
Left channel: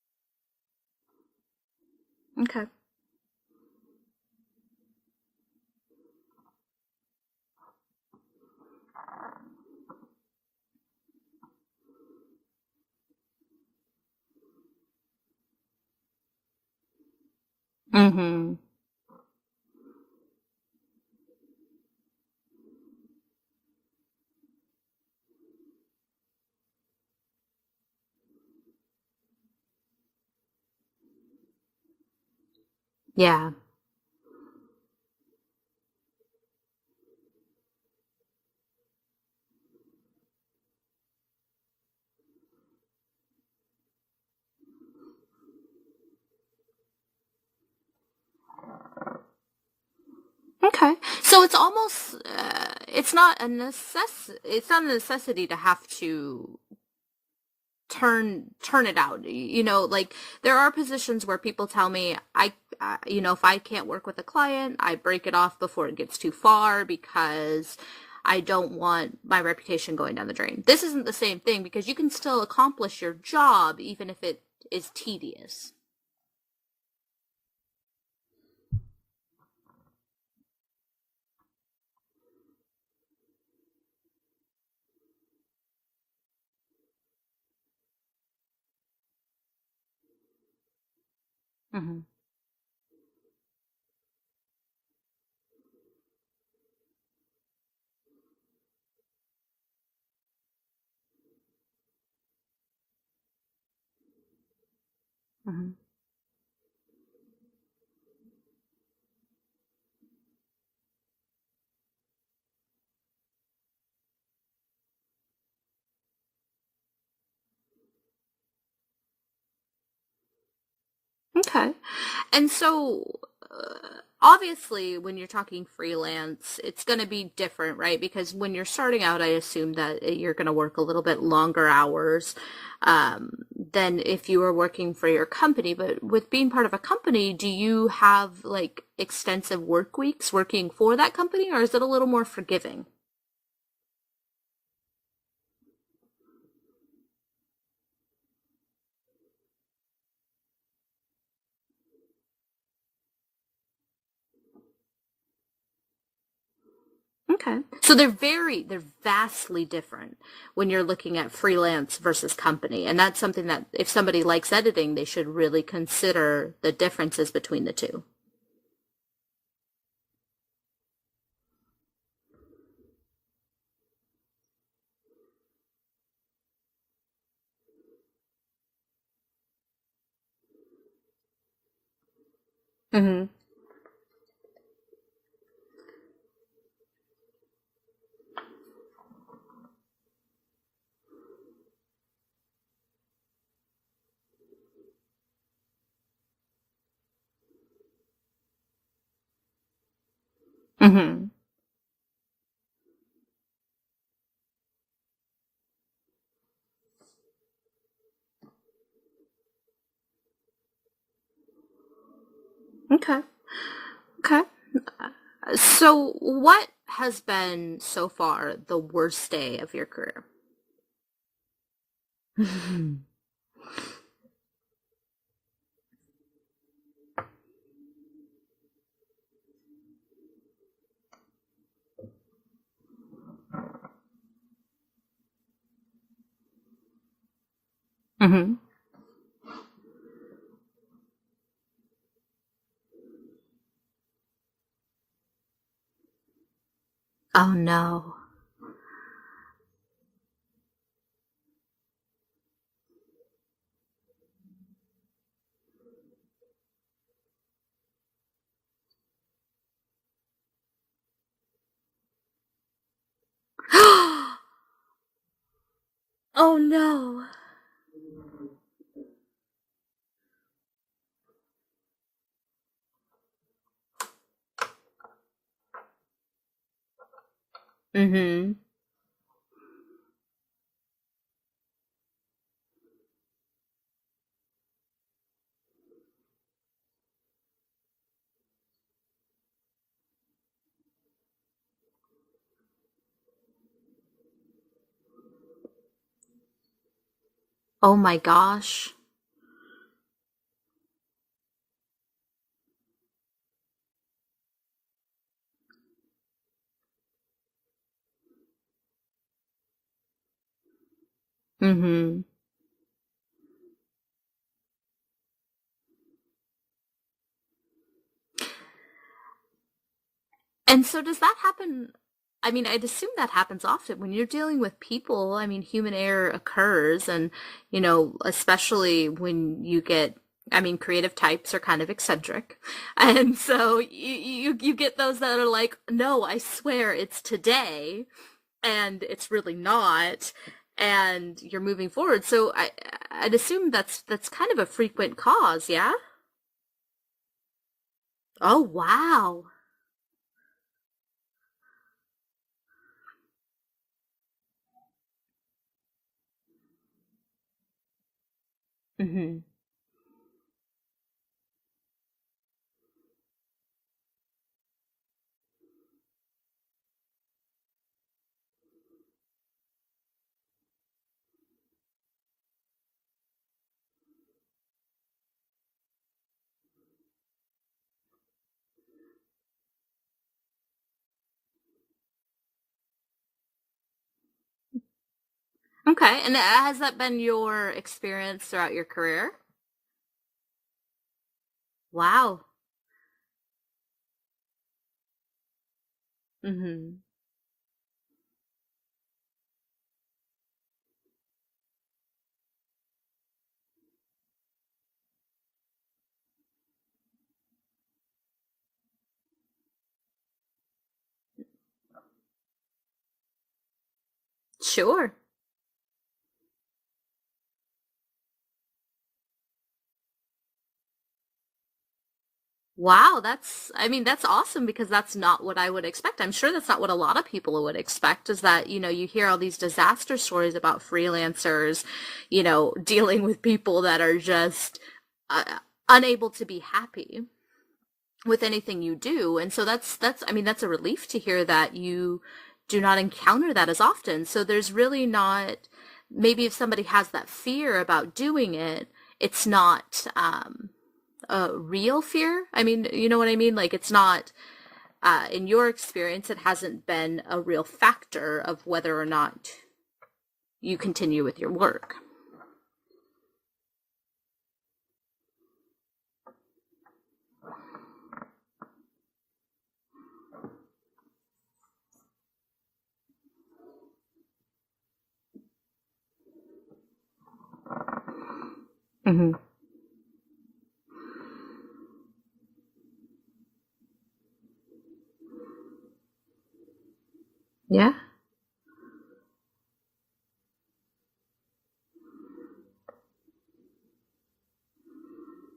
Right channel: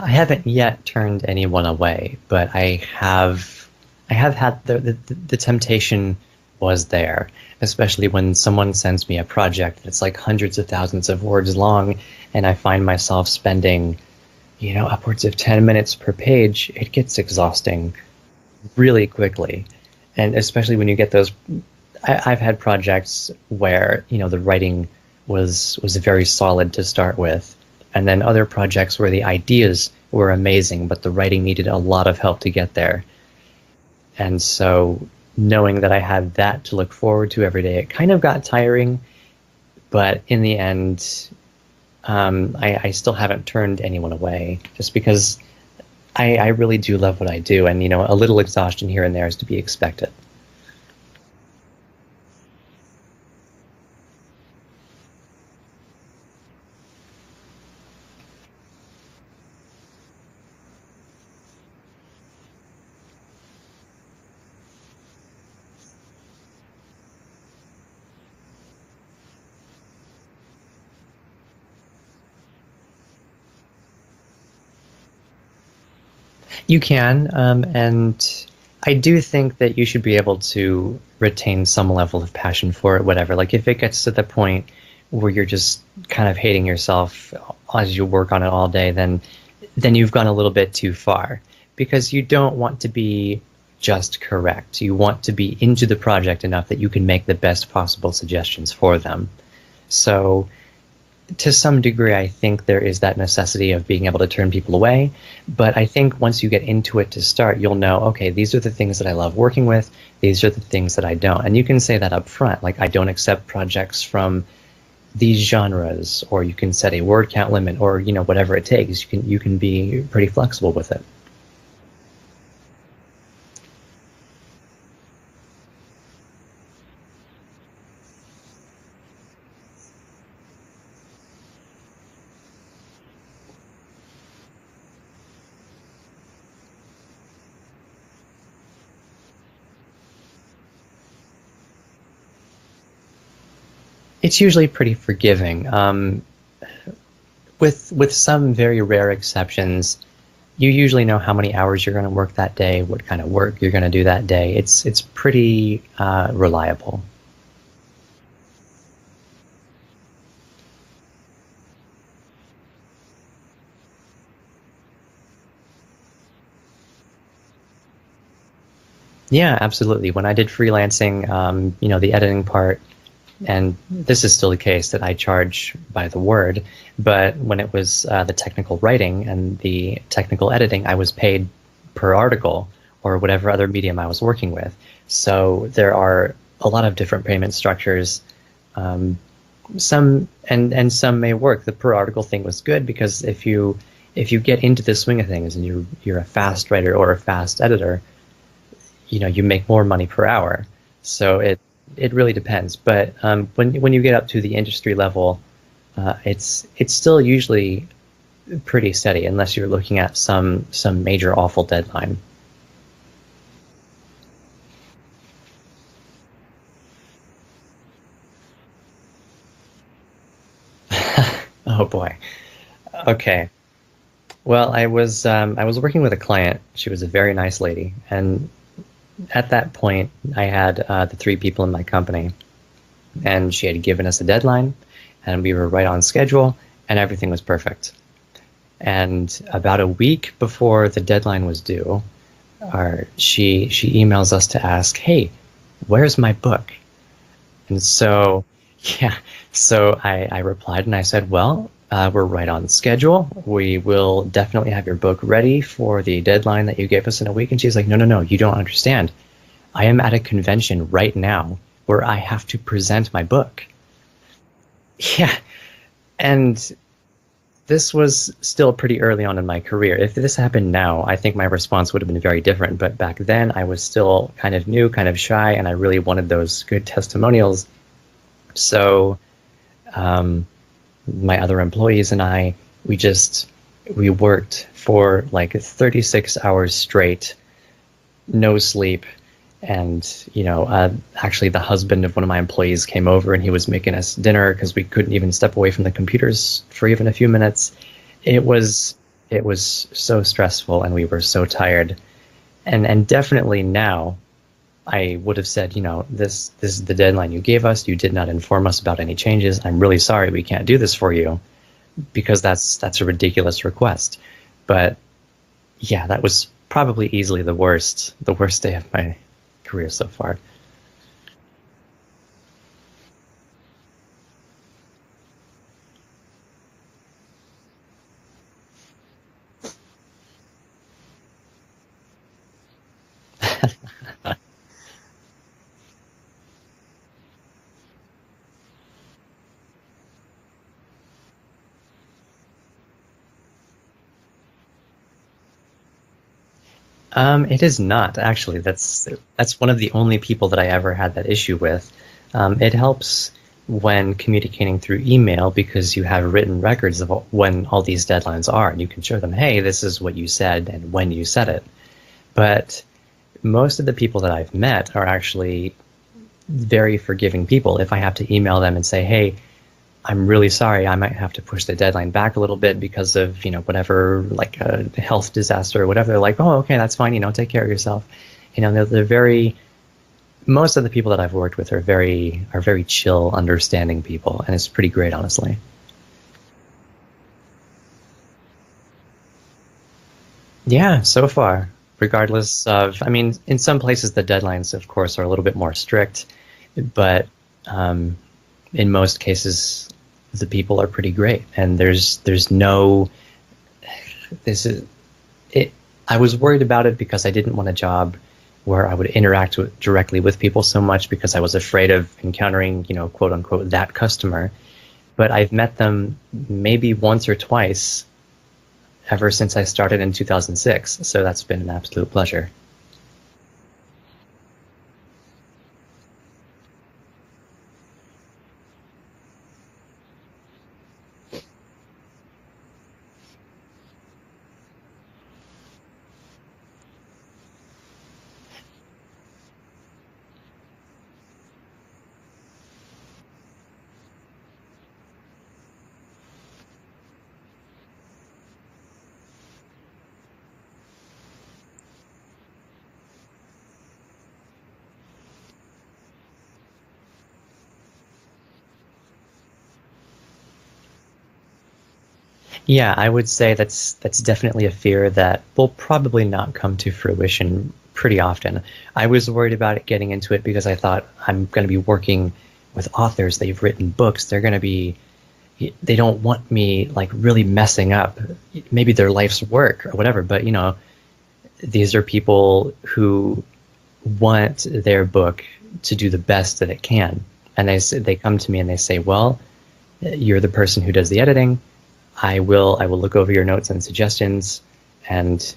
I haven't yet turned anyone away, but Okay. I have had the temptation was there, especially when someone sends me a project that's like hundreds of thousands of words long, and I find myself spending, upwards of 10 minutes per page. It gets exhausting Mm-hmm. really quickly. And especially when you get those, I've had projects where, the writing was very solid to start with. And then other projects where the ideas were amazing, but the writing needed a lot of help to get there. Yeah. And so knowing that I had that to look forward to every day, it kind of got tiring. But in the end, I still haven't turned anyone away just because I really do love what I do. And, a little exhaustion here and there is to be expected. Okay. So it's almost it's not it's not a necessity to have to turn it out. Like there are positions where people tell me if I can't work with a client, I break it off before it gets too far because I don't want my reputation going down the drain. This isn't the same thing because you can still accomplish your job even if it is tedious. You can, and I do think that you should be able to retain some level of passion for it, whatever. Like if it gets to the point where you're just kind of hating yourself as you work on it all day, then you've gone a little bit too far Hmm. because you don't want to be just correct. You want to be into the project enough that you can make the best possible suggestions for them. So to some degree, I think there is that necessity of being able to turn people away. Hmm. But I think once you get into it to start, you'll know, okay, these are the things that I love working with. These are the things that I don't. And you can say that up front. Like, I don't accept projects from these genres, or you can set a word count limit, or, whatever it takes. You can be pretty flexible with it. Okay. And so obviously when you're talking freelance it's going to be different, right? Because when you're starting out I assume that you're going to work a little bit longer hours than if you were working for your company. But with being part of a company, do you have like extensive work weeks working for that company, or is it a little more forgiving? It's usually pretty forgiving. With some very rare exceptions, you usually know how many hours you're going to work that day, what kind of work you're going to do that day. It's pretty reliable. Okay. So they're vastly different when you're looking at freelance versus company. And that's something that if somebody likes editing, they should really consider the differences between the two. Yeah, absolutely. When I did freelancing, the editing part, and this is still the case that I charge by the word, but when it was the technical writing and the technical editing, I was paid per article or Hmm. whatever other medium I was working with. So there are a lot of different payment structures. Um, some and some may work. The per article thing was good because if you get into the swing of things and you're a fast writer or a fast editor, you make more money per hour. Hmm. So it really depends. But when you get up to the industry level, it's still usually pretty steady unless you're looking at some major awful deadline. Okay. Okay. So, what has been so far the worst day of your career? Oh boy. Okay. Well, I was working with a client. She was a very nice lady, and at that point, I had the three people in my company, and she had given us a deadline, and we were right on schedule, and everything was perfect. Hmm. And about a week before the deadline was due, she emails us to ask, "Hey, where's my book?" Oh And no. so, yeah, so I replied and I said, "Well, we're right on schedule. We will definitely have your book ready for the deadline that you gave us in a week." And she's like, "No, no, no, you don't understand. I am at a convention right now where I have to present my book." Yeah, Oh and no. this was still pretty early on in my career. If this happened now, I think my response would have been very different. But back then, I was still kind of new, kind of shy, and I really wanted those good testimonials. Hmm. So, um, my other employees and I, we worked for like 36 hours straight, no sleep, And, actually the husband of one of my employees came over and he was making us dinner because we couldn't even step away from the computers for even a few minutes. Oh my It gosh. was, it was so stressful and we were so tired. And definitely now I would have said, this is the deadline you gave us. You did not inform us about any changes. I'm really sorry we can't do this for you, Mm-hmm. because that's a ridiculous request. But yeah, that was probably easily the worst day of my career so far. And so does that happen? I mean, I'd assume that happens often when you're dealing with people. I mean, human error occurs, and especially when you get. I mean, creative types are kind of eccentric, and so you get those that are like, "No, I swear it's today," and it's really not, and you're moving forward. So I'd assume that's kind of a frequent cause, yeah. It is not actually. Oh That's wow. that's one of the only people that I ever had that issue with. It helps when communicating through email because you have written records of when all these deadlines are, and you can show them, Hmm. hey, this is what you said and when you said it. But most of the people that I've met are actually very forgiving people. If I have to email them and say, hey, I'm really sorry, I might have to push the deadline back a little bit because of, whatever, like a health disaster or whatever, they're like, oh, okay, that's fine, take care of yourself. They're very, most of the people that I've worked with are very chill, understanding people, and it's pretty great, honestly. Okay, and has that been your experience throughout your career? Yeah, so far, Wow. regardless of, I mean, in some places the deadlines, of course, are a little bit more strict, Hmm. but um, in most cases, the people are pretty great, and there's no this is it. I was worried about it because I didn't want a job where I would interact directly with people so much because I was afraid of encountering, quote unquote, that customer. Sure. But I've met them maybe once or twice ever since I started in 2006. So that's been an absolute pleasure. Wow, I mean, that's awesome because that's not what I would expect. I'm sure that's not what a lot of people would expect is that, you hear all these disaster stories about freelancers, dealing with people that are just uh, unable to be happy with anything you do. And so I mean, that's a relief to hear that you do not encounter that as often. So there's really not, maybe if somebody has that fear about doing it, it's not a real fear. I mean, you know what I mean? Like it's not, in your experience, it hasn't been a real factor of whether or not you continue with your work. Yeah, I would say that's definitely a fear that will probably not come to fruition pretty often. I was worried about it getting into it because I thought I'm going to be working with authors. They've written books. They don't want me like really messing up maybe their Hmm. life's work or whatever. But these are people who want their book to do the best that it can, and Yeah. they come to me and they say, well, you're the person who does the editing. I will look over your notes and suggestions, and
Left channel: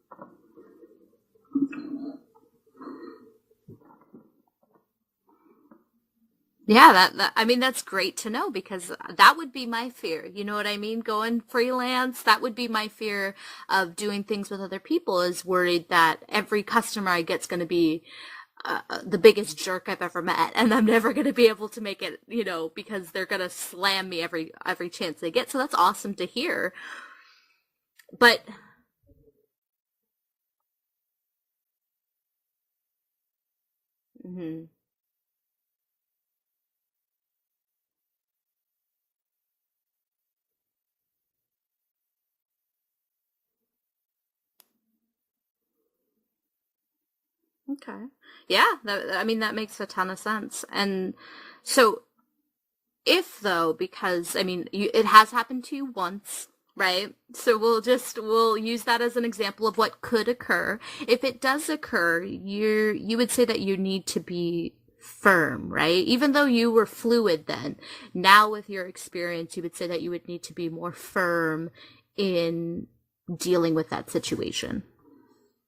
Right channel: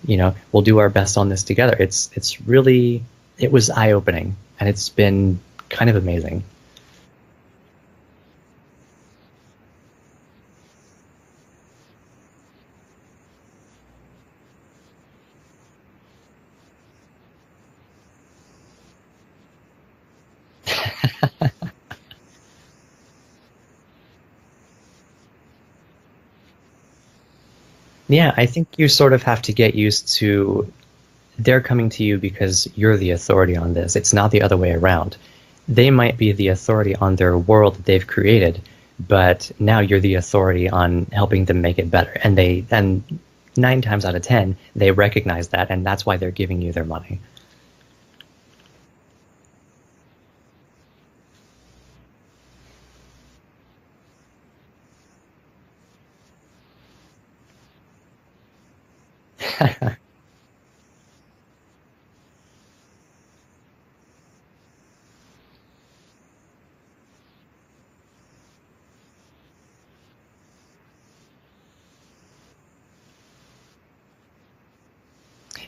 we'll do our best on this together. It was eye opening, and it's been kind of amazing. Yeah, I mean that's great to know because that would be my fear. You know what I mean? Going freelance, that would be my fear of doing things with other people is worried that every customer I get's going to be the biggest jerk I've ever met, and I'm never going to be able to make it, because they're going to slam me every chance they get. So that's awesome to hear. Yeah, But I think you sort of have to get used to they're coming to you because you're the authority on this. It's not the other way around. They might be the authority on their world that they've created, but now you're the authority on helping them make it better. And 9 times out of 10, they recognize that, and that's why they're giving you their money. okay, yeah, I mean that makes a ton of sense. And so if though, because I mean it has happened to you once, right? So we'll use that as an example of what could occur. If it does occur, you would say that you need to be firm, right? Even though you were fluid then, now with your experience, you would say that you would need to be more firm in dealing with that situation.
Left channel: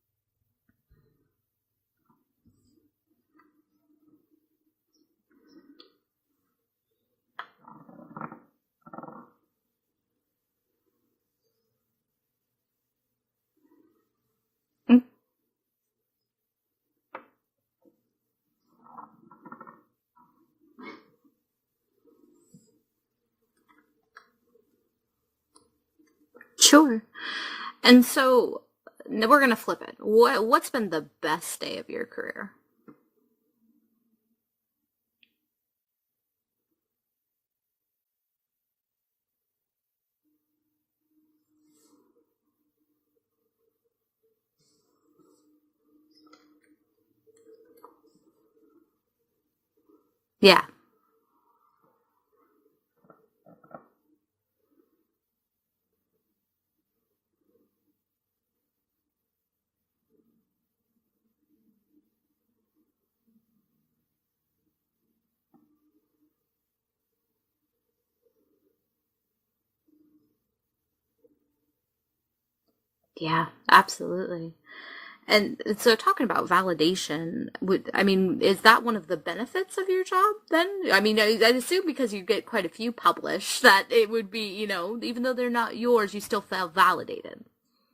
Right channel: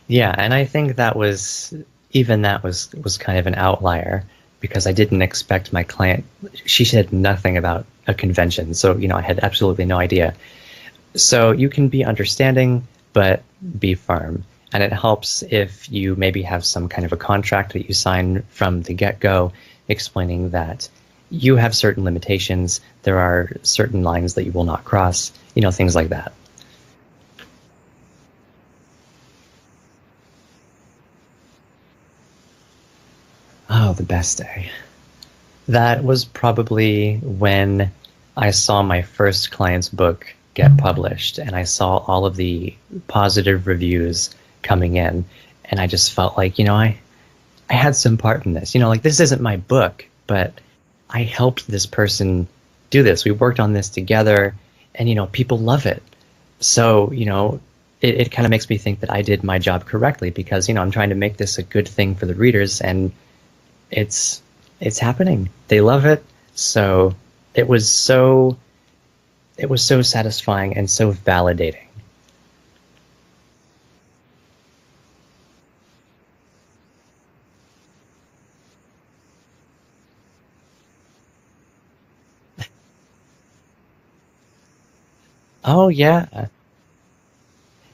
Yeah, and I think that was kind of an outlier because I didn't expect my client. She said nothing about a convention, so I had absolutely no idea. So you can be understanding, but be firm. And it helps if you maybe have some kind of a contract that you sign from the get-go explaining that you have certain limitations, there are certain lines that you will not cross, things like that. Sure. And so now we're going to flip it. What's been the best day of your career? Oh, the best day. That was probably when I saw my first client's book get published and I saw all of the positive reviews coming in. And I just felt like, I had some part in this. Like this isn't my book, but Yeah. I helped this person do this. We worked on this together and, people love it. So, it kind of makes me think that I did my job correctly because, I'm trying to make this a good thing for the readers and it's happening. They love it. So it was so satisfying and so validating. Yeah, absolutely. And so talking about validation, is that one of the benefits of your job then? I assume because you get quite a few published that it would be, even though they're not Oh, yours, you yeah. still feel validated.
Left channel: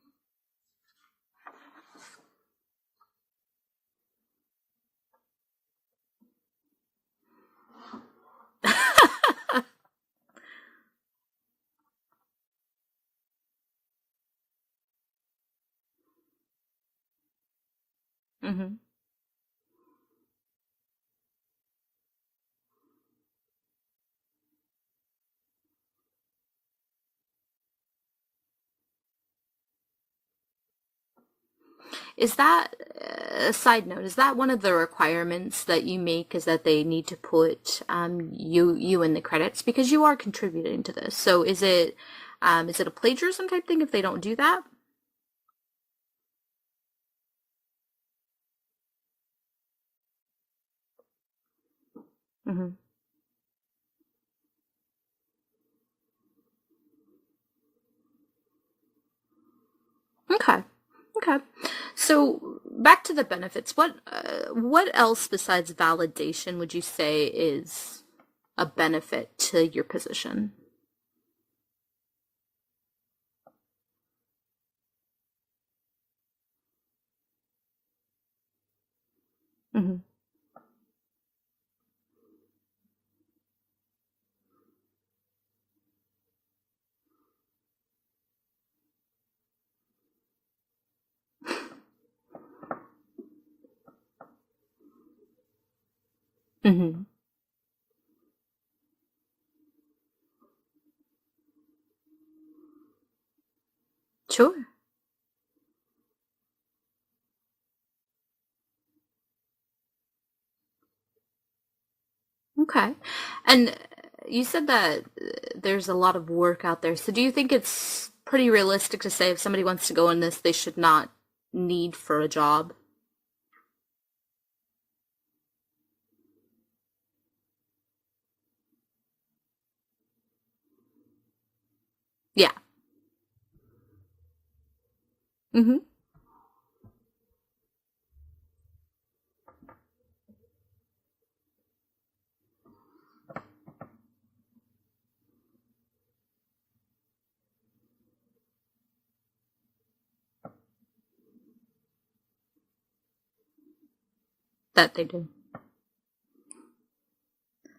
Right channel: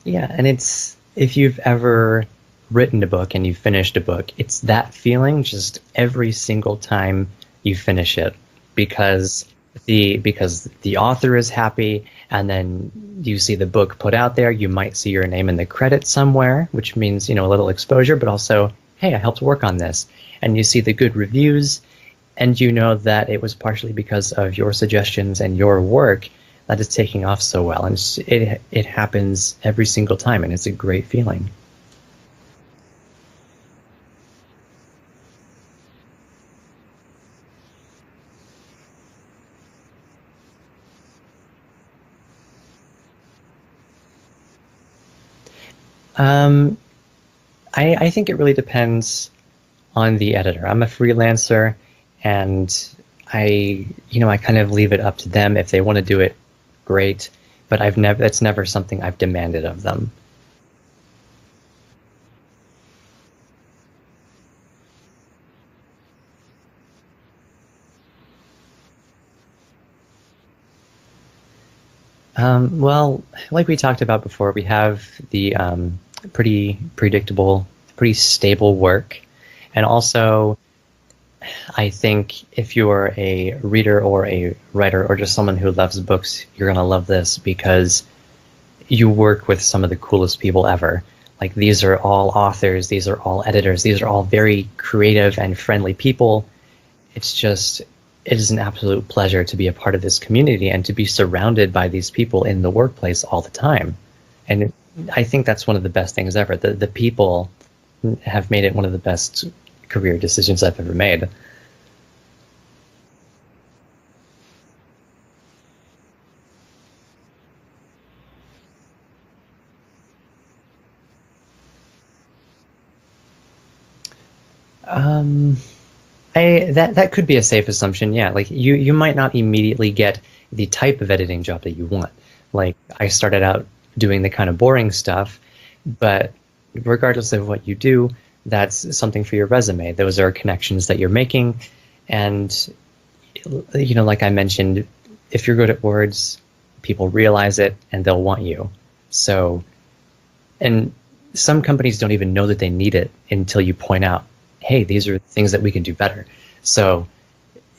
Yeah. And if you've ever written a book and you finished a book, it's that feeling just every single time you finish it because the author is happy and then you see the book put out there, you might see your name in the credits somewhere, which means, a little exposure, but also, hey, I helped work on this. And you see the good reviews and you know that it was partially because of your suggestions and your work that it's taking off so well. And it happens every single time and it's a great feeling. Is that a side note? Is that one of the requirements that you make? Is that they need to put you in the credits because you are contributing to this? So is it a plagiarism type thing if they don't do that? I think it really depends on the editor. I'm a freelancer, and I kind of leave it up to them. If they want to do it, great. But that's never something I've demanded of them. Okay. So back to the benefits. What else besides validation would you say is a benefit to your position? Well, like we talked about before, we have the pretty predictable, pretty stable work. And also, I think if you're a reader or a writer or just someone who loves books, you're going to love this because you work with some of the coolest people ever. Like these are all authors, these are all editors, these are all very creative and friendly people. Mm-hmm. It is an absolute pleasure to be a part of this community and to be surrounded by these people in the workplace all the time. Sure. And I think that's one of the best things ever. The people have made it one of the best career decisions I've ever made. Okay. And you said that there's a lot of work out there. So do you think it's pretty realistic to say if somebody wants to go in this, they should not need for a job? That could be a safe assumption. Yeah, like you might not immediately get the type of editing job that you want. Yeah. Like I started out doing the kind of boring stuff, mm-hmm. but regardless of what you do, that's something for your resume. Those are connections that you're making, and like I mentioned, if you're good at words, people realize it and they'll want you. So, and some companies don't even know that they need it until you point out, hey, these are things that we can do better. So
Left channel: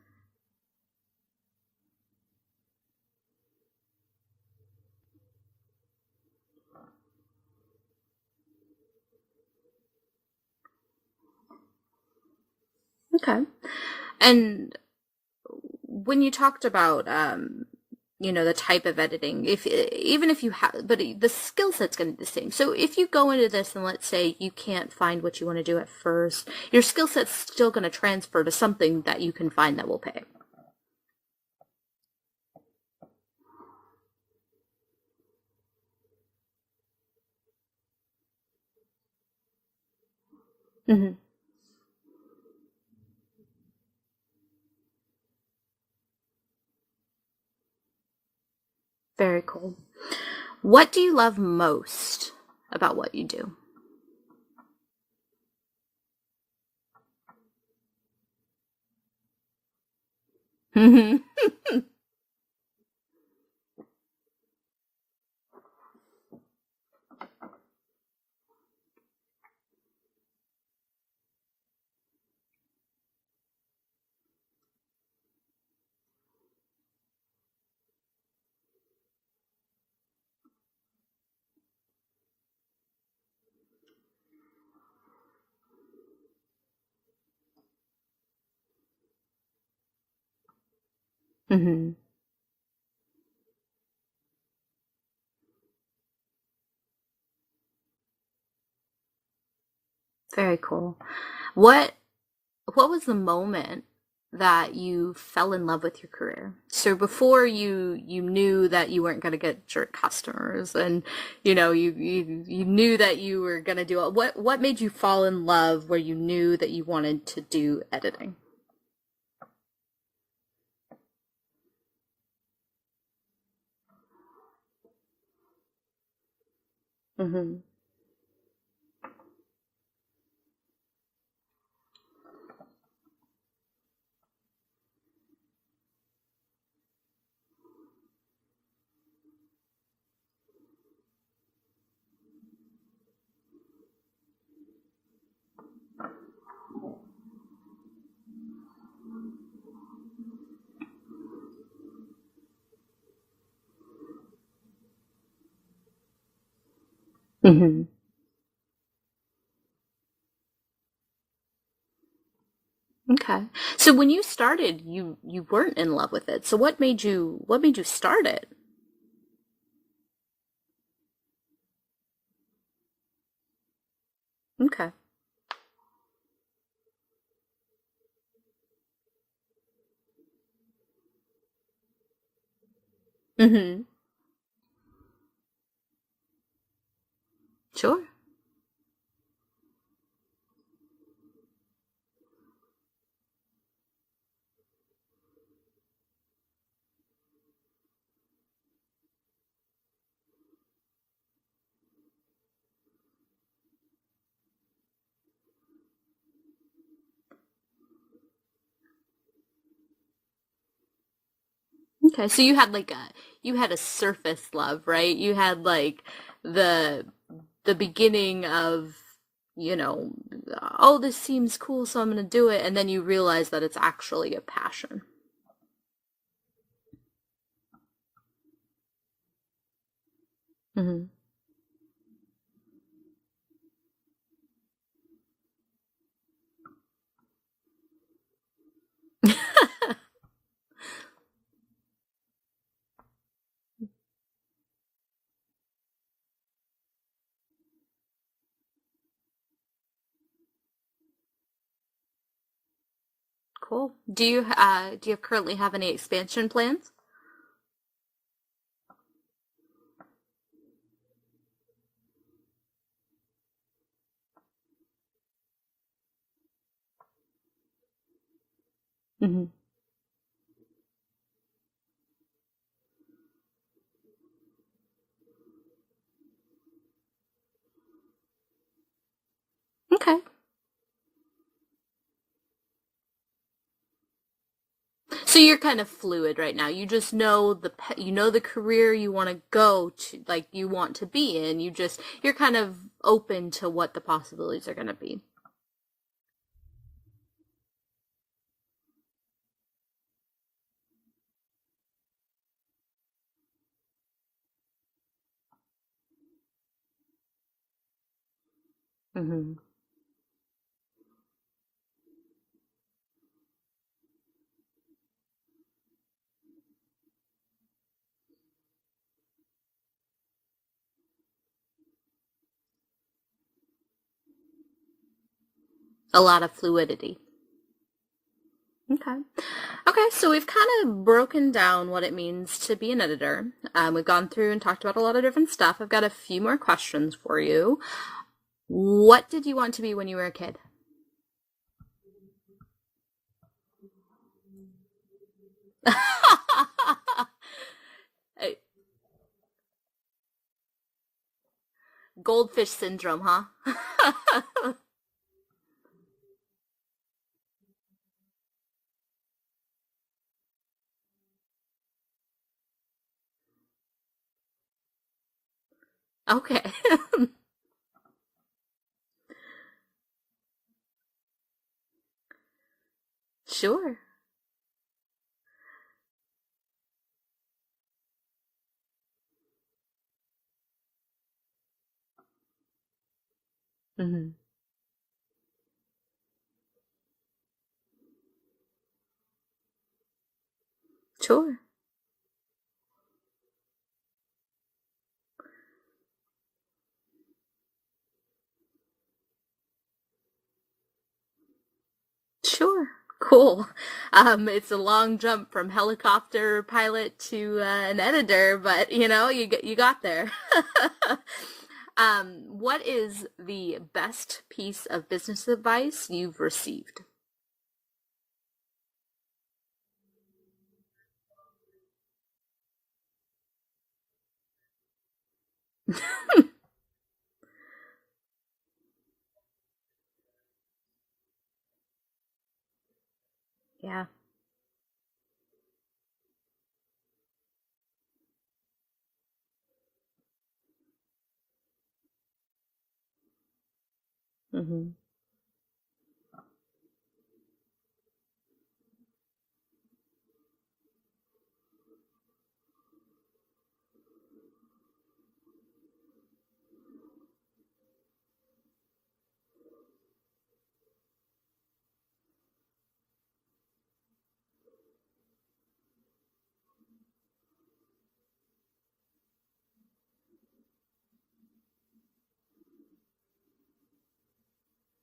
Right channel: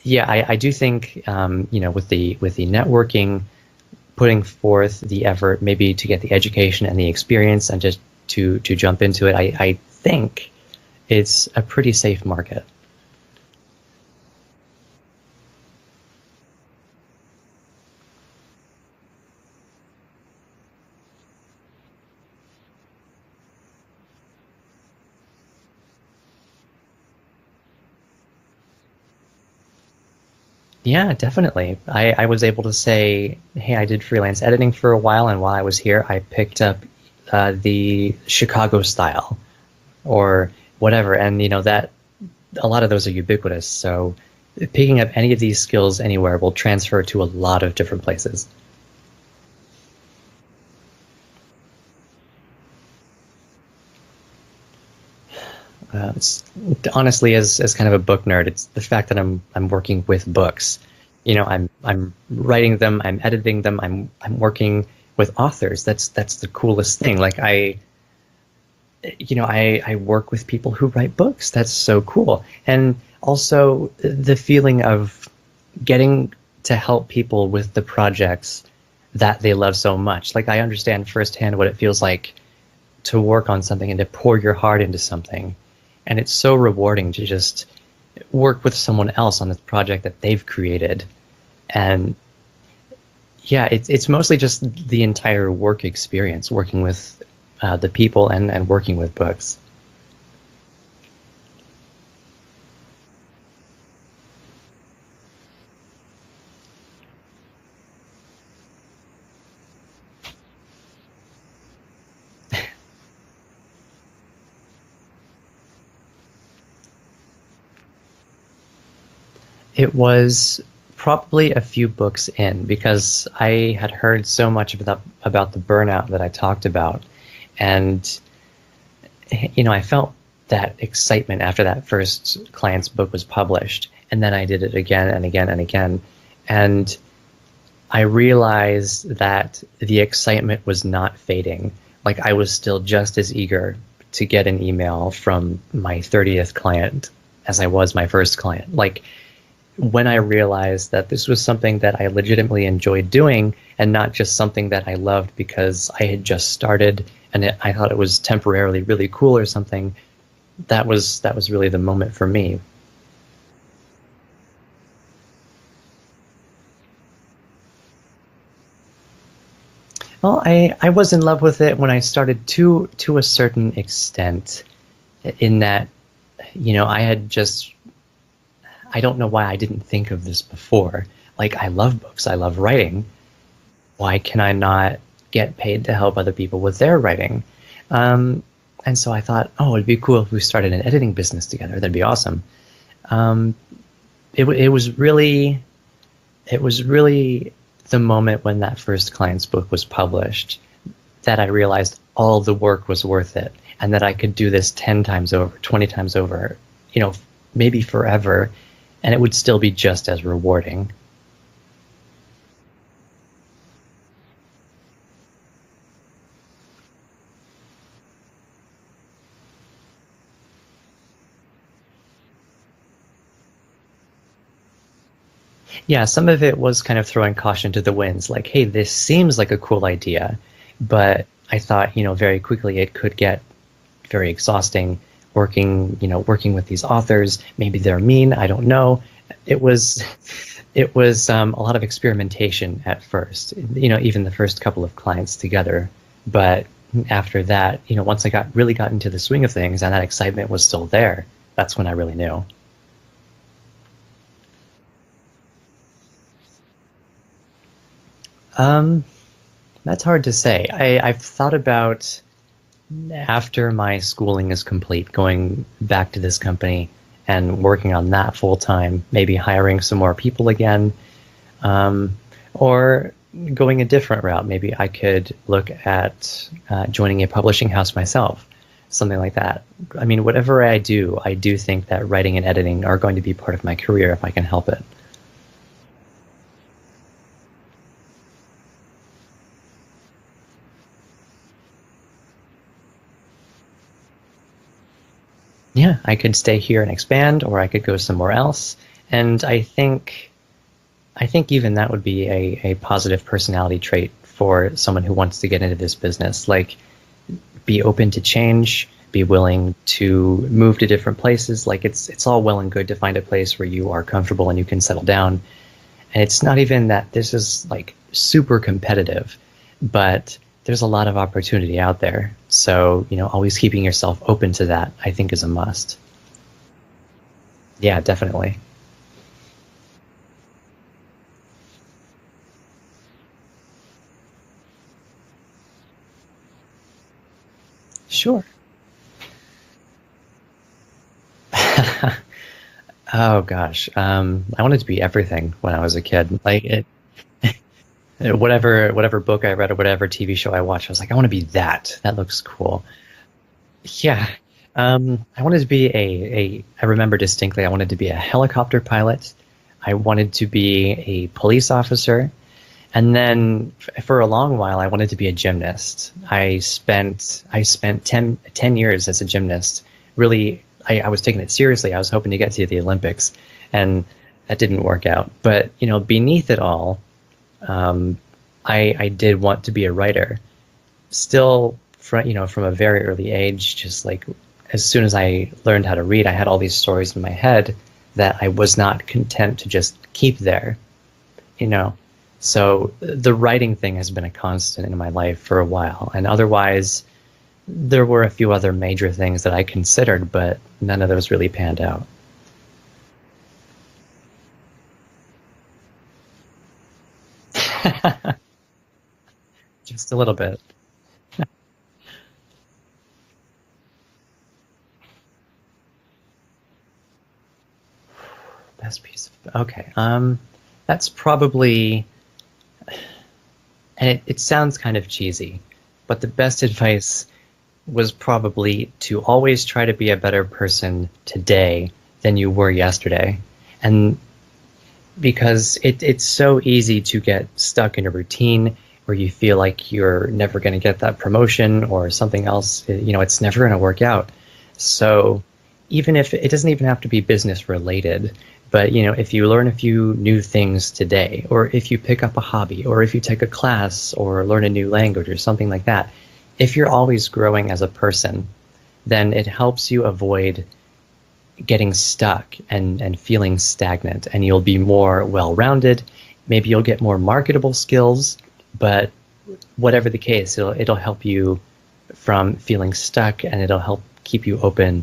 yeah, I do think, with the networking, putting forth the effort, maybe to get the education and the experience and just to jump into it, I think it's a pretty safe market. Okay. And when you talked about, the type of editing, even if you have, but the skill set's going to be the same. So if you go into this and let's say you can't find what you want to do at first, your skill set's still going to transfer to something that you can find that will pay. Yeah, definitely. I was able to say, hey, I did freelance editing for a while, and while I was here, I picked up the Chicago style or whatever, mm-hmm. and that a lot of those are ubiquitous. So picking up any of these skills anywhere will transfer to a lot of different places. Very cool. What do you love most about what you do? Honestly, as kind of a book nerd, it's the fact that I'm working with books. Mm-hmm. I'm writing them, I'm editing them, I'm working with authors. That's the coolest thing. Like I work with people who write books. That's so cool. And also the feeling of getting to help people with the projects that they love so much. Like I understand firsthand what it feels like to work on something and to pour your heart into something. And it's so rewarding to just work with someone else on this project that they've created. And yeah, it's mostly just the entire work experience, working with the people and working with books. Very cool. What what was the moment that you fell in love with your career? So before you knew that you weren't going to get jerk customers, and you knew that you were going to do it. What made you fall in love where you knew that you wanted to do editing? It was probably a few books in because I had heard so much about the burnout that I talked about. Hmm. And I felt that excitement after that first client's book was published. And then I did it again and again and again. And I realized that the excitement was not fading. Like I was still just as eager to get an email from my 30th client as I was my first client. Like when I realized that this was something that I legitimately enjoyed doing and not just something that I loved because I had just started and I Hmm. thought it was temporarily really cool or something, that was really the moment for me. Okay. So when you started, you weren't in love with it. So what made you start it? Well, I was in love with it when I started to a certain extent, Okay. in that, I had just I don't know why I didn't think of this before. Like I love books, I love writing. Hmm. Why can I not get paid to help other people with their writing? Sure. Um, and so I thought, oh, it'd be cool if we started an editing business together. That'd be awesome. Um, it was really the moment when that first client's book was published that I realized all of the work was worth it and that I could do this 10 times over, 20 times over, you know, maybe forever, and it would still be just as rewarding. Okay. So you had a surface love, right? You had like the the beginning of, you know, oh, this seems cool, so I'm going to do it, and then you realize that it's actually a passion. Yeah, some of it was kind of throwing caution to the winds, like, hey, this seems like a cool idea, Hmm. but I thought, very quickly it could get very exhausting working with these authors. Maybe they're mean, I don't know. It was a lot of experimentation at first, even the first couple of clients together. But after that, once I got into the swing of things and that excitement was still there, that's when I really knew. Cool. Do you currently have any expansion plans? Um, that's hard to say. I've thought about after my schooling is complete, going back to this company and working on that full time, maybe Hmm. hiring some more people again, um, or going a different route. Maybe I could look at joining a publishing house myself, something like that. I Okay. mean, whatever I do think that writing and editing are going to be part of my career if I can help it. So you're kind of fluid right now. You just know the career you want to go to, like you want to be in. You're kind of open to what the possibilities are going to be. Yeah, I could stay here and expand, or I could go somewhere else. And I think even that would be a positive personality trait for someone who wants to get into this business. Like, be open to change, be willing to move to different places. Like, it's all well and good to find a place where you are comfortable and you can settle down. And it's not even that this is like super competitive, but there's a lot of opportunity out there. So, always keeping yourself open to that, I think, is a must. A lot of fluidity. Yeah, definitely. Okay. Okay, so we've kind of broken down what it means to be an editor. We've gone through and talked about a lot of different stuff. I've got a few more questions for you. Sure. What did you want to be when you were a kid? Oh gosh, I wanted to be everything when I was a kid. Like whatever book I read or whatever TV show I watched, I was like, I want to be that. That looks Goldfish cool. syndrome, huh? Yeah. I wanted to be I remember distinctly, I wanted to be a helicopter pilot. I wanted to be a police officer, And then for a long while, I wanted to be a gymnast. Okay. I spent 10 years as a gymnast. Really, I was taking it seriously. I was hoping to get to the Olympics, Sure. and that didn't work out. But, beneath it all, um, I did want to be a writer. Still, from a very early age, just like Hmm. as soon as I learned how to read, I had all these stories in my head that I was not content to just keep there, Sure. you know. So the writing thing has been a constant in my life for a while. And otherwise, there were a few other major things that I considered, but none of those really panned out. Sure. Cool. It's a long jump from helicopter pilot to an editor, but you got Just a there. little bit. What is the best piece of business advice you've received? Best piece of, okay. That's probably, and it sounds kind of cheesy, but the best advice was probably to always try to be a better person today than you were yesterday. Yeah. And because it's so easy to get stuck in a routine where you feel like you're never going to get that promotion or something else, it's never going to work out. Hmm. So even if it doesn't even have to be business related, but if you learn a few new things today, or if you pick up a hobby, or if you take a class or learn a new language or something like that, if you're always growing as a person, then it helps you avoid getting stuck and feeling stagnant, and you'll be more well-rounded. Maybe you'll get more marketable skills, but whatever the case, it'll help you from feeling stuck, and it'll help keep you open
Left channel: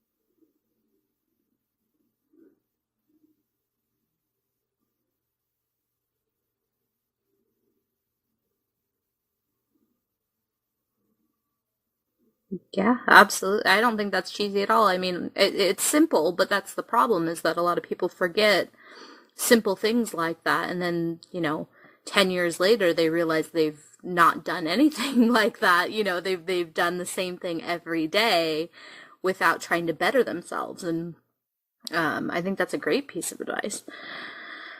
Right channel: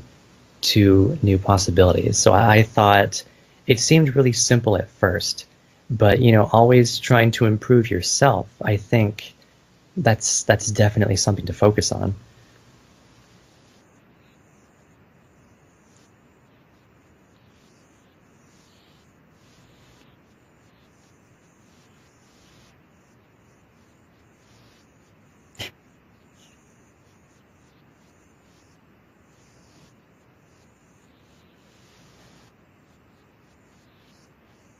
to new possibilities. So I thought it seemed really simple at first, but always trying to improve yourself, I think that's definitely something to focus on. Yeah, absolutely. I don't think that's cheesy at all. I mean, it's simple, but that's the problem is that a lot of people forget simple things like that. And then, 10 years later, they realize they've not done anything like that. They've done the same thing every day without trying to better themselves. And I think that's a great piece of advice.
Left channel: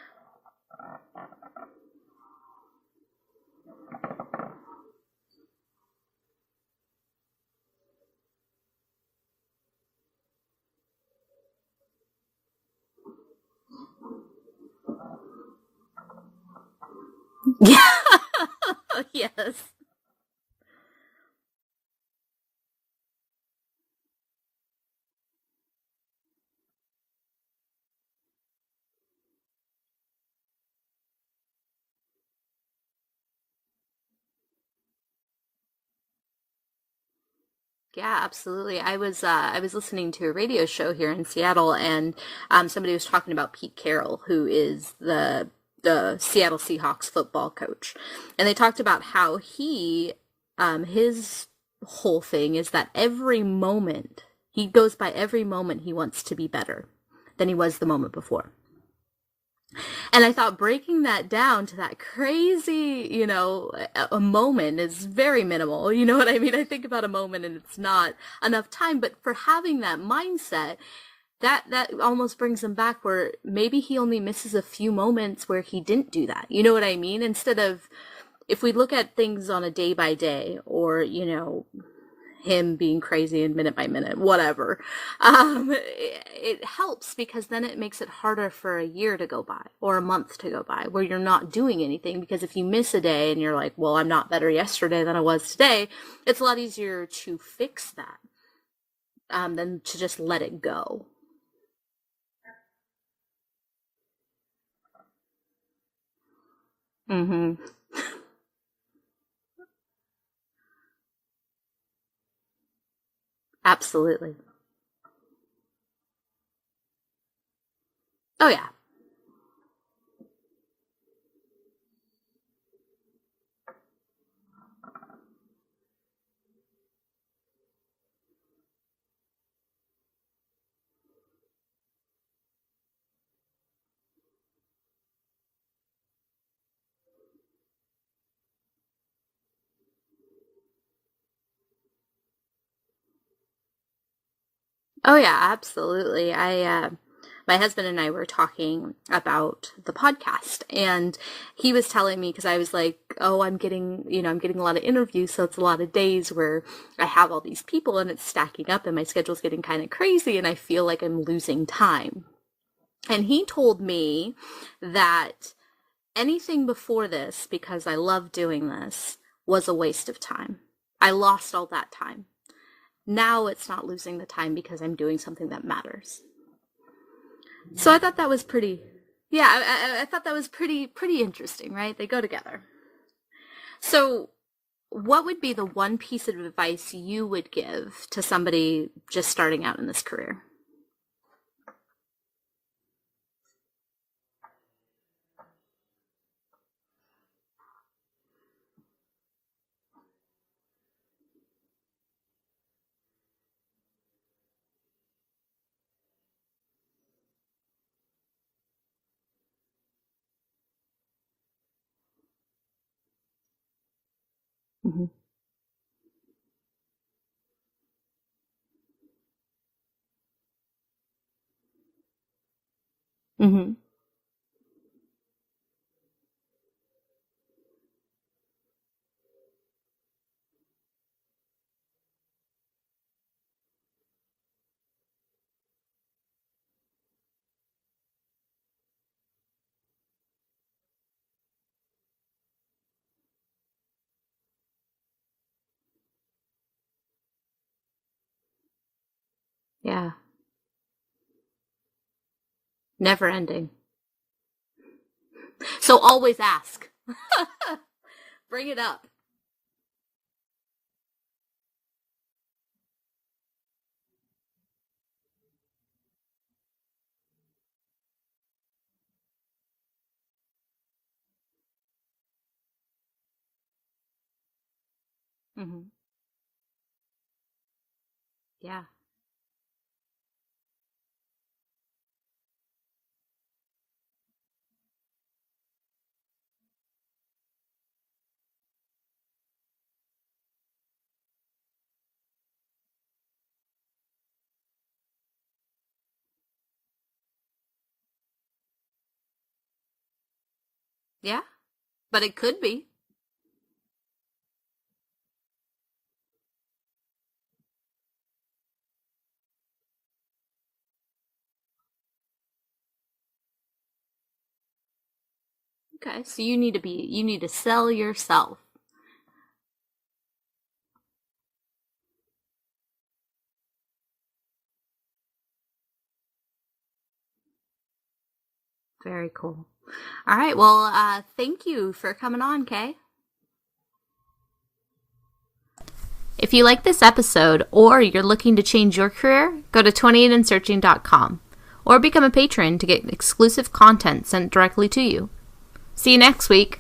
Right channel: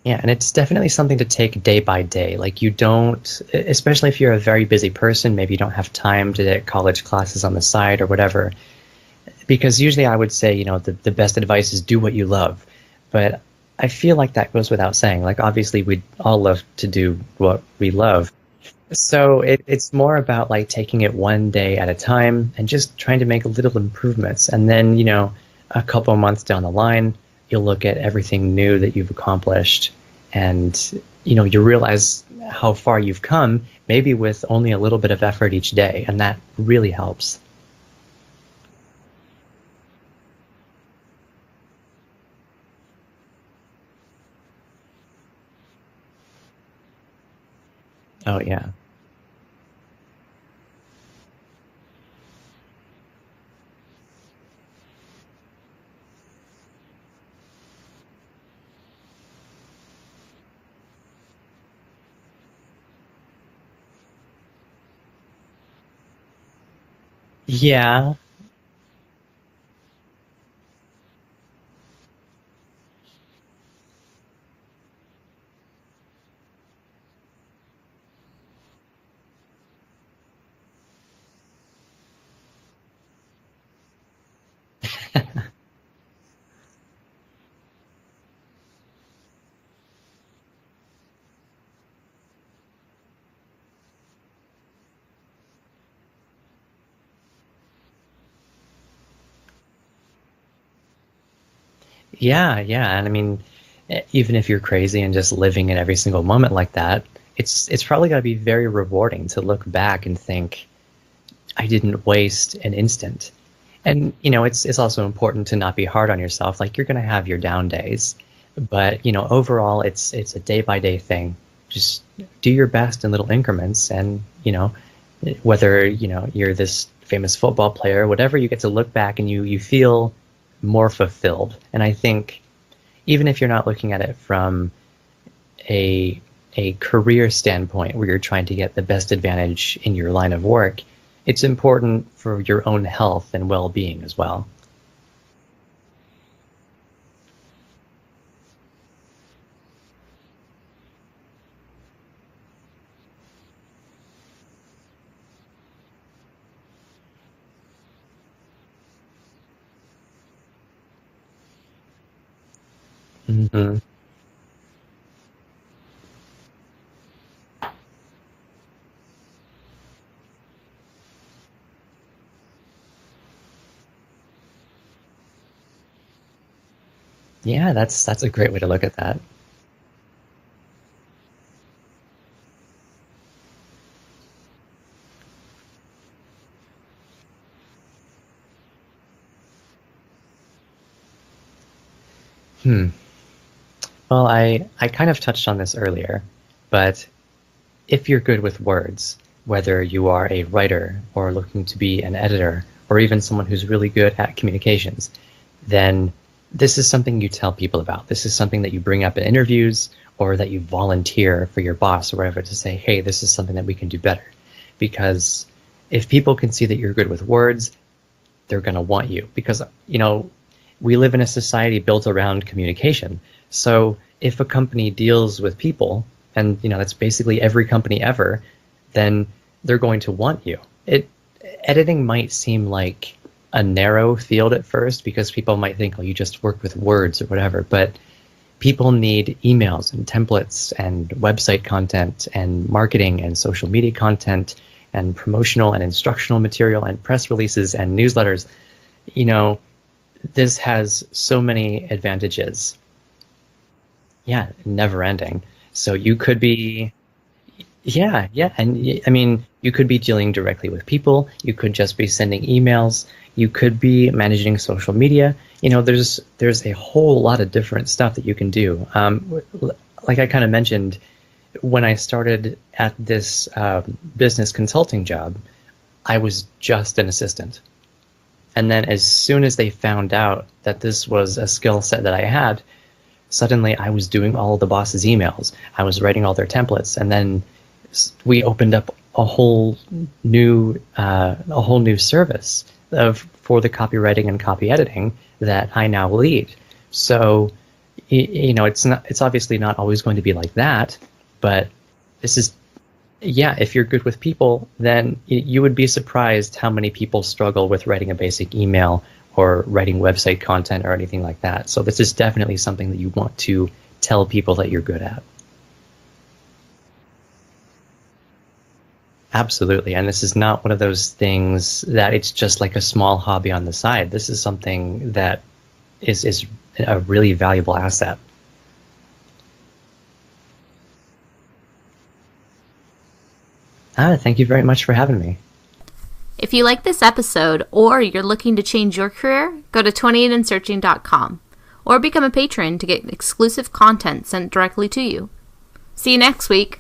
Yeah, and it's definitely something to take day by day. Like you don't, especially if you're a very busy person, maybe you don't have time to take college classes on the side or whatever. Because usually I would say, the best advice is do what you love. But I feel like that goes without saying. Like obviously we'd all love to do what we Yeah. love. So Yes. it's more about like taking it one day at a time and just trying to make little improvements. And then, a couple of months down the line, you'll look at everything new that you've accomplished and, you realize how far you've come, maybe with only a little bit of effort each day. And that really helps. Yeah, absolutely. I was listening to a radio show here in Seattle, and somebody was talking about Pete Carroll, who is the Seattle Seahawks football coach, Oh, and they yeah. talked about how his whole thing is that every moment he goes by every moment he wants to be better than he was the moment before. And I thought breaking that down to that crazy, a moment is very minimal. You know what I mean? I think about a moment and it's not Yeah. enough time, but for having that mindset, that almost brings him back where maybe he only misses a few moments where he didn't do that. You know what I mean? Instead of if we look at things on a day by day or, him being crazy and minute by minute, whatever. It helps because then it makes it harder for a year to go by or a month to go by where you're not doing anything. Because if you miss a day and you're like, well, I'm not better yesterday than I was today, it's a lot easier to fix that than to just let it go. Yeah, yeah. And I mean, even if you're crazy and just living in every single moment like that, Mm-hmm. it's probably going to be very rewarding to look back and think, I didn't waste an instant. And Absolutely. it's also important to not be hard on yourself. Like you're going to have your down days, Oh, yeah. but overall it's a day by day thing. Just do your best in little increments, and whether you're this famous football player, whatever, you get to look back and you feel more fulfilled. And I think even if you're not looking at it from a career standpoint where you're trying to get the best advantage in your line of work, it's important for your own health and well-being as well. Oh, yeah, absolutely. my husband and I were talking about the podcast, and he was telling me, because I was like, oh, I'm getting a lot of interviews, so it's a lot of days where I have all these people and it's stacking up and my schedule's getting kind of crazy and I feel like I'm losing time. And he told me that anything before this, because I love doing this, was a waste of time. I lost all that time. Now it's not losing the time because I'm doing something that matters. Yeah, that's a great way to look at that. Yeah, I thought that was pretty interesting, right? They go together. So what would be the one piece of advice you would give to somebody just starting out in this career? Well, I kind of touched on this earlier, but if you're good with words, whether you are a writer or looking to be an editor or even someone who's really good at communications, then this is something you tell people about. This is something that you bring up in interviews or that you volunteer for your boss or whatever to say, hey, this is something that we can do better. Because if people can see that you're good with words, they're going to want you. Because, we live in a society built around communication. So if a company deals with people, and that's basically every company ever, then they're going to want you. Editing might seem like a narrow field at first because people might think, oh, you just work with words or whatever, but people need emails and templates and website content and marketing and social media content and promotional and instructional material and press releases and newsletters. Yeah. This has so many advantages. Never ending. Yeah, never ending. So you could ask. be yeah. Bring it up. I mean, you could be dealing directly with people, you could just be sending emails, you could be managing social media. There's a whole lot of different stuff that you can do. Like I kind of mentioned, when I started at this business consulting job, I was just an assistant. And then as soon as they found out that this was a skill set that I had, suddenly I was doing all the boss's emails. I was writing all their templates. And then we opened up a whole new service for the copywriting and copy editing that I now lead. So, it's obviously not always going to be like that. Yeah. But it could be. Yeah, if you're good with people, then you would be surprised how many people struggle with writing a basic email or writing website content or anything like that. So this is definitely something that you want to tell people that you're good at. Okay, so you need to sell yourself. Absolutely, and this is not one of those things that it's just like a small hobby on the side. This is something that is a really valuable asset. Very cool. All right, well, thank you for coming on, Kay. Thank you very much for having me. If you like this episode or you're looking to change your career, go to 28andsearching.com or become a patron to get exclusive content sent directly to you. See you next week.